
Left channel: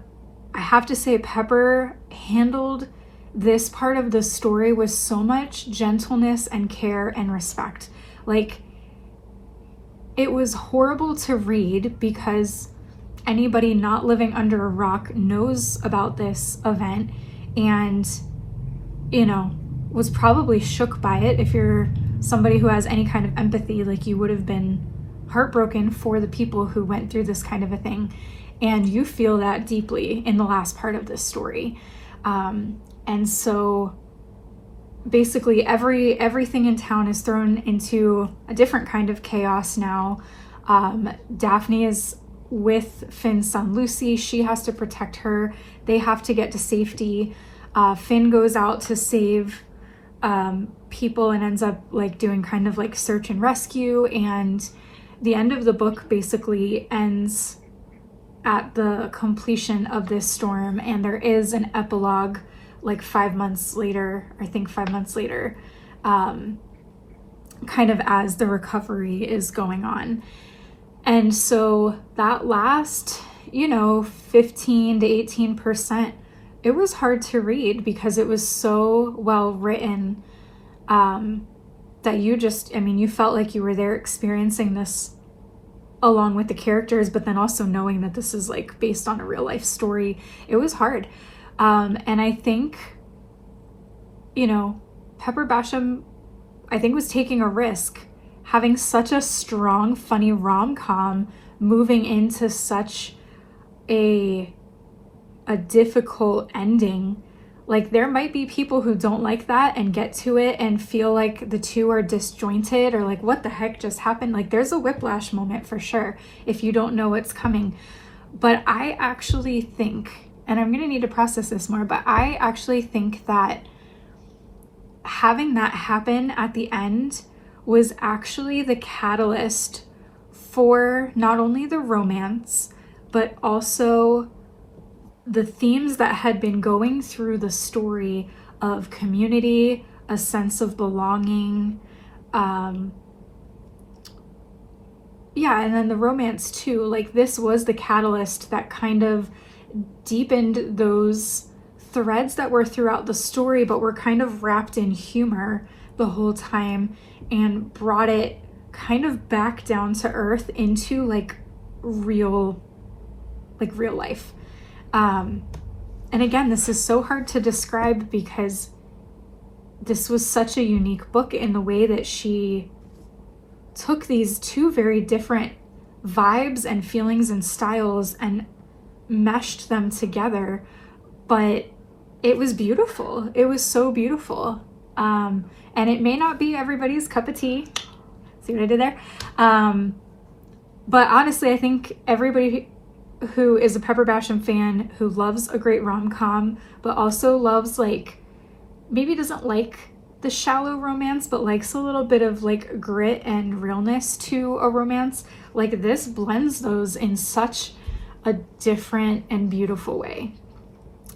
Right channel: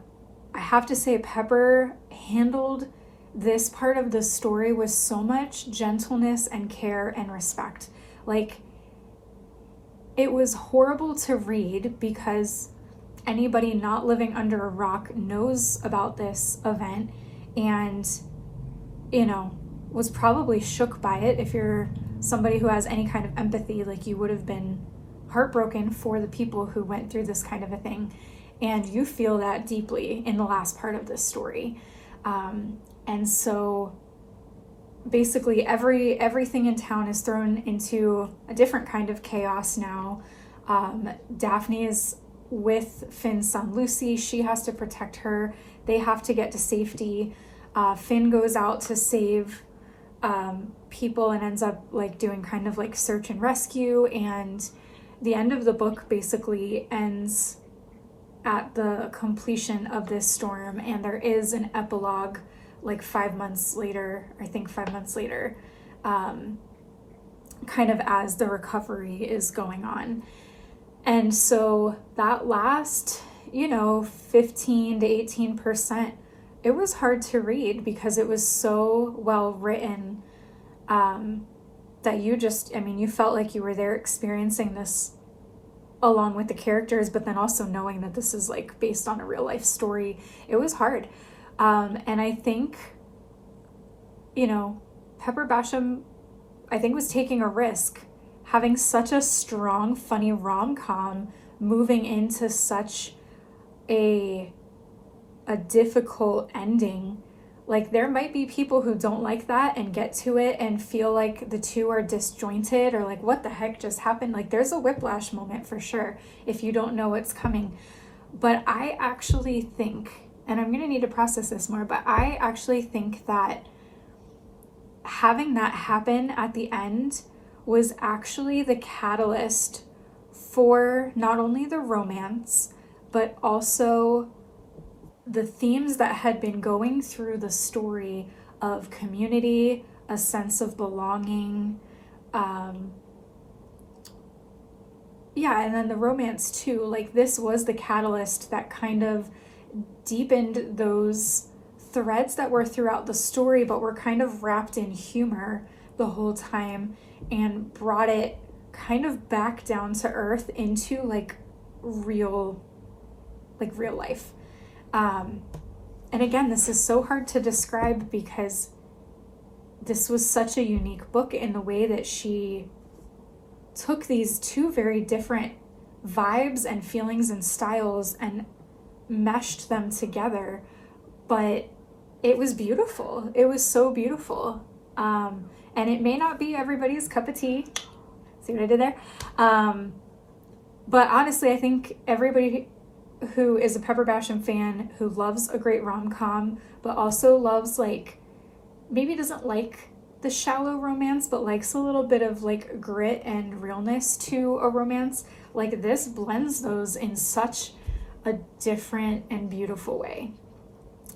have to say, Pepper handled this part of the story with so much gentleness and care and respect. Like, it was horrible to read because anybody not living under a rock knows about this event and, you know, was probably shook by it. If you're somebody who has any kind of empathy, like, you would have been heartbroken for the people who went through this kind of a thing. And you feel that deeply in the last part of this story. And so basically everything in town is thrown into a different kind of chaos now. Daphne is with Finn's son Lucy. She has to protect her. They have to get to safety. Finn goes out to save people and ends up like doing kind of like search and rescue. And the end of the book basically ends at the completion of this storm, and there is an epilogue like 5 months later, I think 5 months later, kind of as the recovery is going on. And so that last, 15 to 18%, it was hard to read because it was so well written, that you felt like you were there experiencing this along with the characters, but then also knowing that this is like based on a real life story. It was hard. And I think, Pepper Basham, I think, was taking a risk having such a strong, funny rom-com moving into such a difficult ending. Like, there might be people who don't like that and get to it and feel like the two are disjointed or like, what the heck just happened? Like, there's a whiplash moment for sure if you don't know what's coming. But I actually think, and I'm gonna need to process this more, but I actually think that having that happen at the end was actually the catalyst for not only the romance, but also the themes that had been going through the story of community, a sense of belonging, and then the romance too. Like, this was the catalyst that kind of deepened those threads that were throughout the story, but were kind of wrapped in humor the whole time, and brought it kind of back down to earth into like real life. And again, this is so hard to describe because this was such a unique book in the way that she took these two very different vibes and feelings and styles and meshed them together. But it was beautiful. It was so beautiful. And it may not be everybody's cup of tea. See what I did there? But honestly, I think everybody who is a Pepper Basham fan, who loves a great rom-com, but also loves, like, maybe doesn't like the shallow romance, but likes a little bit of like grit and realness to a romance, like, this blends those in such a different and beautiful way.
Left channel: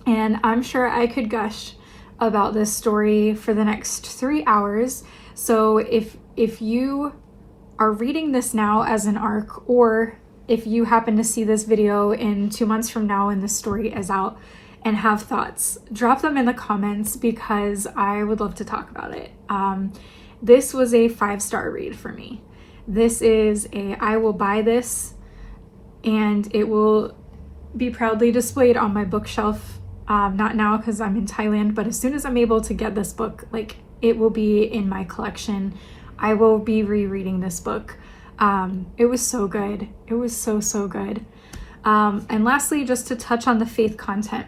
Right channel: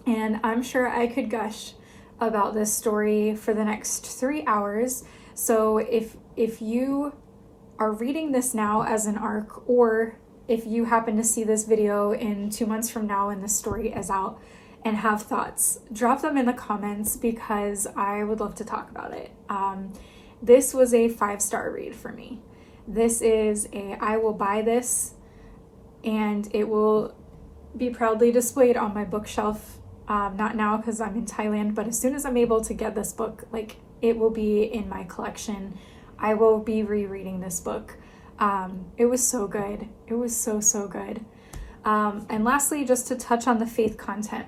And I'm sure I could gush about this story for the next 3 hours. So if you are reading this now as an arc, or if you happen to see this video in 2 months from now and the story is out and have thoughts, drop them in the comments because I would love to talk about it. This was a 5-star read for me. This is I will buy this and it will be proudly displayed on my bookshelf. Not now because I'm in Thailand, but as soon as I'm able to get this book, like, it will be in my collection. I will be rereading this book. It was so good. It was so, so good. And lastly, just to touch on the faith content,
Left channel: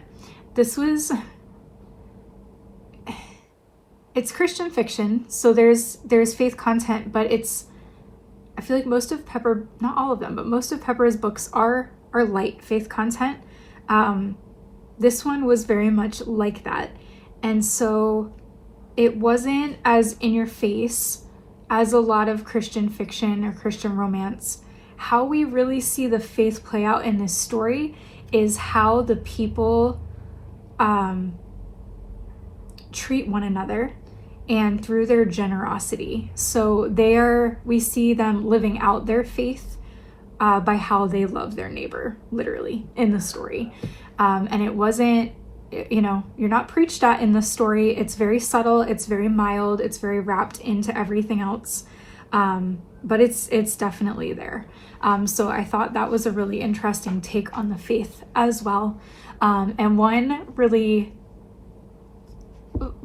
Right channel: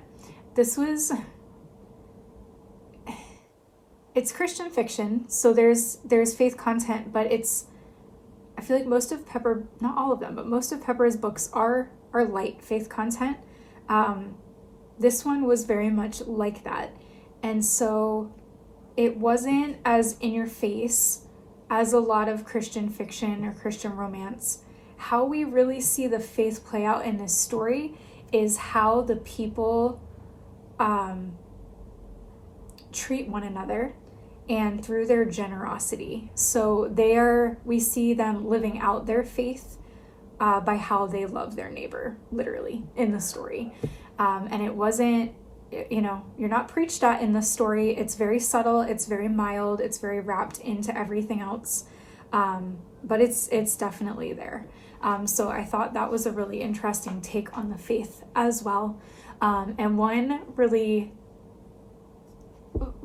it's Christian fiction, so there's faith content, but I feel like most of Pepper, not all of them, but most of Pepper's books are light faith content. This one was very much like that. And so it wasn't as in your face as a lot of Christian fiction or Christian romance how we really see the faith play out in this story is how the people treat one another and through their generosity. So we see them living out their faith by how they love their neighbor, literally, in the story. And it wasn't, you know, you're not preached at in the story. It's very subtle, it's very mild, it's very wrapped into everything else. But it's definitely there. So I thought that was a really interesting take on the faith as well. And one really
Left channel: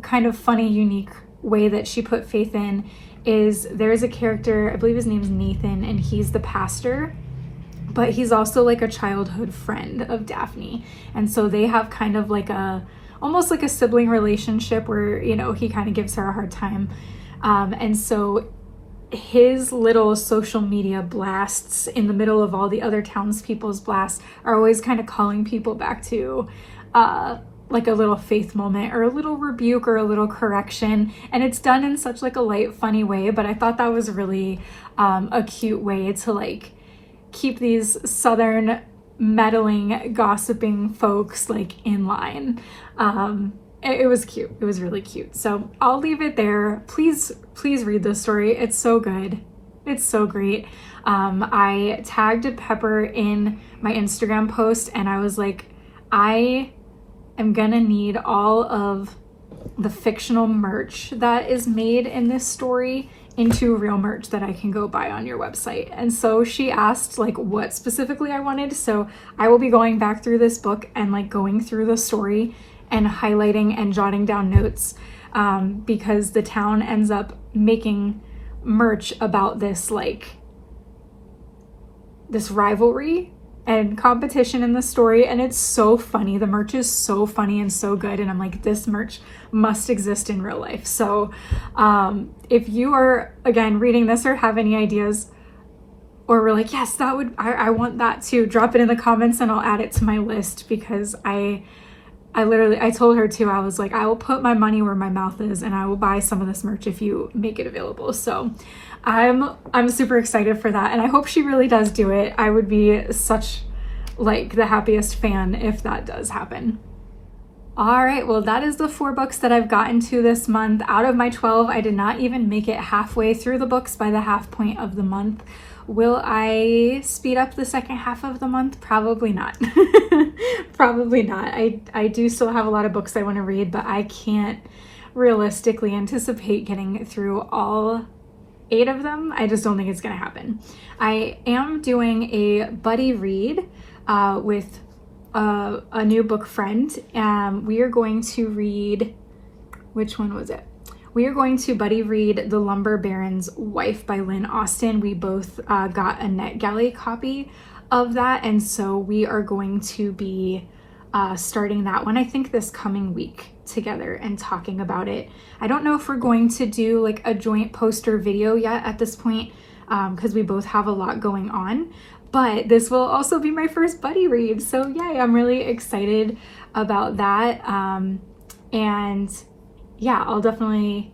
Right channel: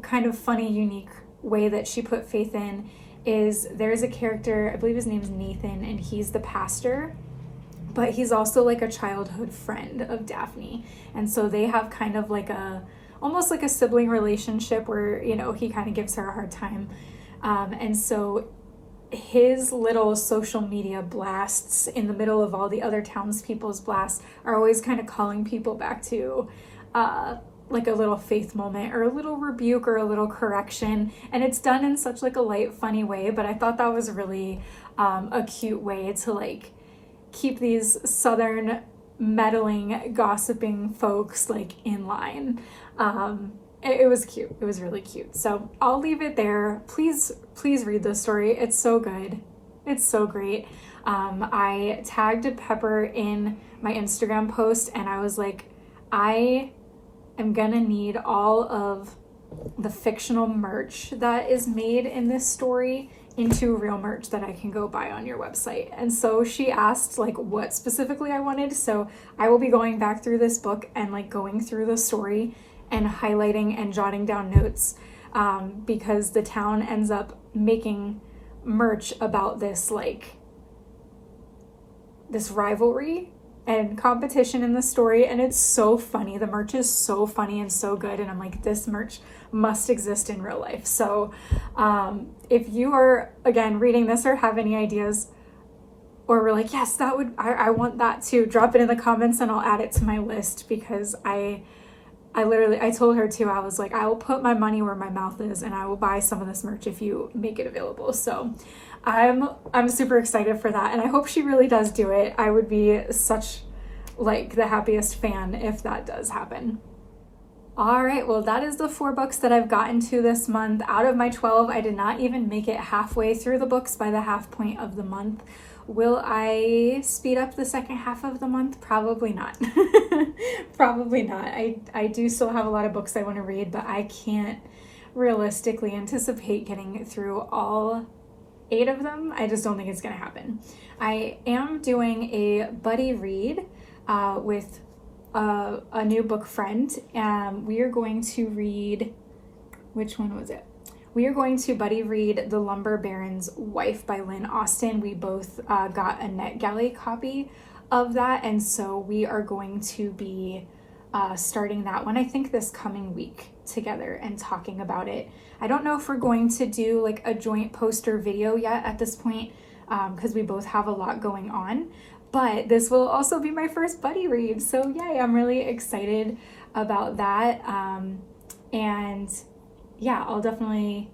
kind of funny, unique way that she put faith in is there's a character, I believe his name's Nathan, and he's the pastor, but he's also like a childhood friend of Daphne. And so they have kind of like almost like a sibling relationship where, you know, he kind of gives her a hard time. And so his little social media blasts in the middle of all the other townspeople's blasts are always kind of calling people back to like a little faith moment or a little rebuke or a little correction. And it's done in such like a light, funny way, but I thought that was really a cute way to like keep these Southern meddling, gossiping folks like in line. It was cute. It was really cute. So I'll leave it there. Please read this story. It's so good. It's so great. I tagged Pepper in my Instagram post and I was like, I am gonna need all of the fictional merch that is made in this story into real merch that I can go buy on your website. And so she asked like what specifically I wanted. So I will be going back through this book and like going through the story and highlighting and jotting down notes because the town ends up making merch about this like this rivalry and competition in the story, and it's so funny. The merch is so funny and so good, and I'm like, this merch must exist in real life. So if you are again reading this or have any ideas or we're like, yes, that would I want that too, drop it in the comments and I'll add it to my list, because I told her too, I was like, I will put my money where my mouth is and I will buy some of this merch if you make it available. So I'm super excited for that, and I hope she really does do it. I would be such like the happiest fan if that does happen. All right, well, that is the 4 books that I've gotten to this month. Out of my 12, I did not even make it halfway through the books by the half point of the month. Will I speed up the second half of the month? Probably not. Probably not. I do still have a lot of books I want to read, but I can't realistically anticipate getting through all 8 of them. I just don't think it's going to happen. I am doing a buddy read with a new book friend. We are going to read, which one was it? We are going to buddy read The Lumber Baron's Wife by Lynn Austen. We both got a NetGalley copy of that, and so we are going to be starting that one, I think, this coming week together and talking about it. I don't know if we're going to do like a joint poster video yet at this point, because we both have a lot going on, but this will also be my first buddy read, so yay, I'm really excited about that. And yeah, I'll definitely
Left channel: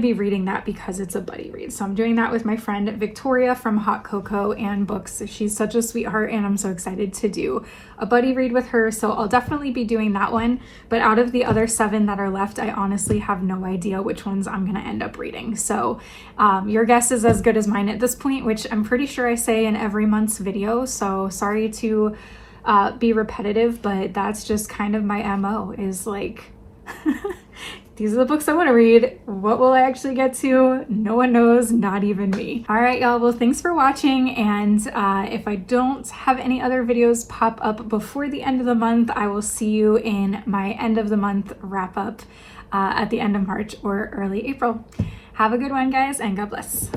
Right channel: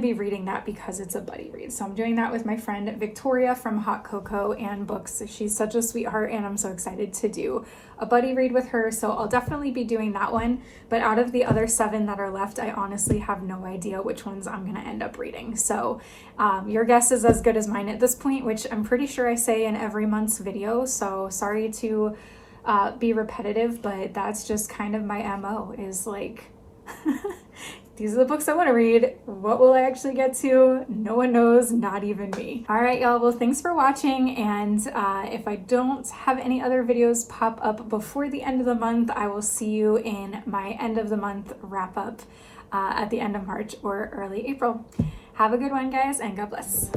be reading that because it's a buddy read. So I'm doing that with my friend Victoria from Hot Cocoa and Books. She's such a sweetheart, and I'm so excited to do a buddy read with her. So I'll definitely be doing that one. But out of the other 7 that are left, I honestly have no idea which ones I'm going to end up reading. So your guess is as good as mine at this point, which I'm pretty sure I say in every month's video. So sorry to be repetitive, but that's just kind of my MO, is like, these are the books I want to read. What will I actually get to? No one knows, not even me. All right, y'all. Well, thanks for watching. And if I don't have any other videos pop up before the end of the month, I will see you in my end of the month wrap up at the end of March or early April. Have a good one, guys, and God bless.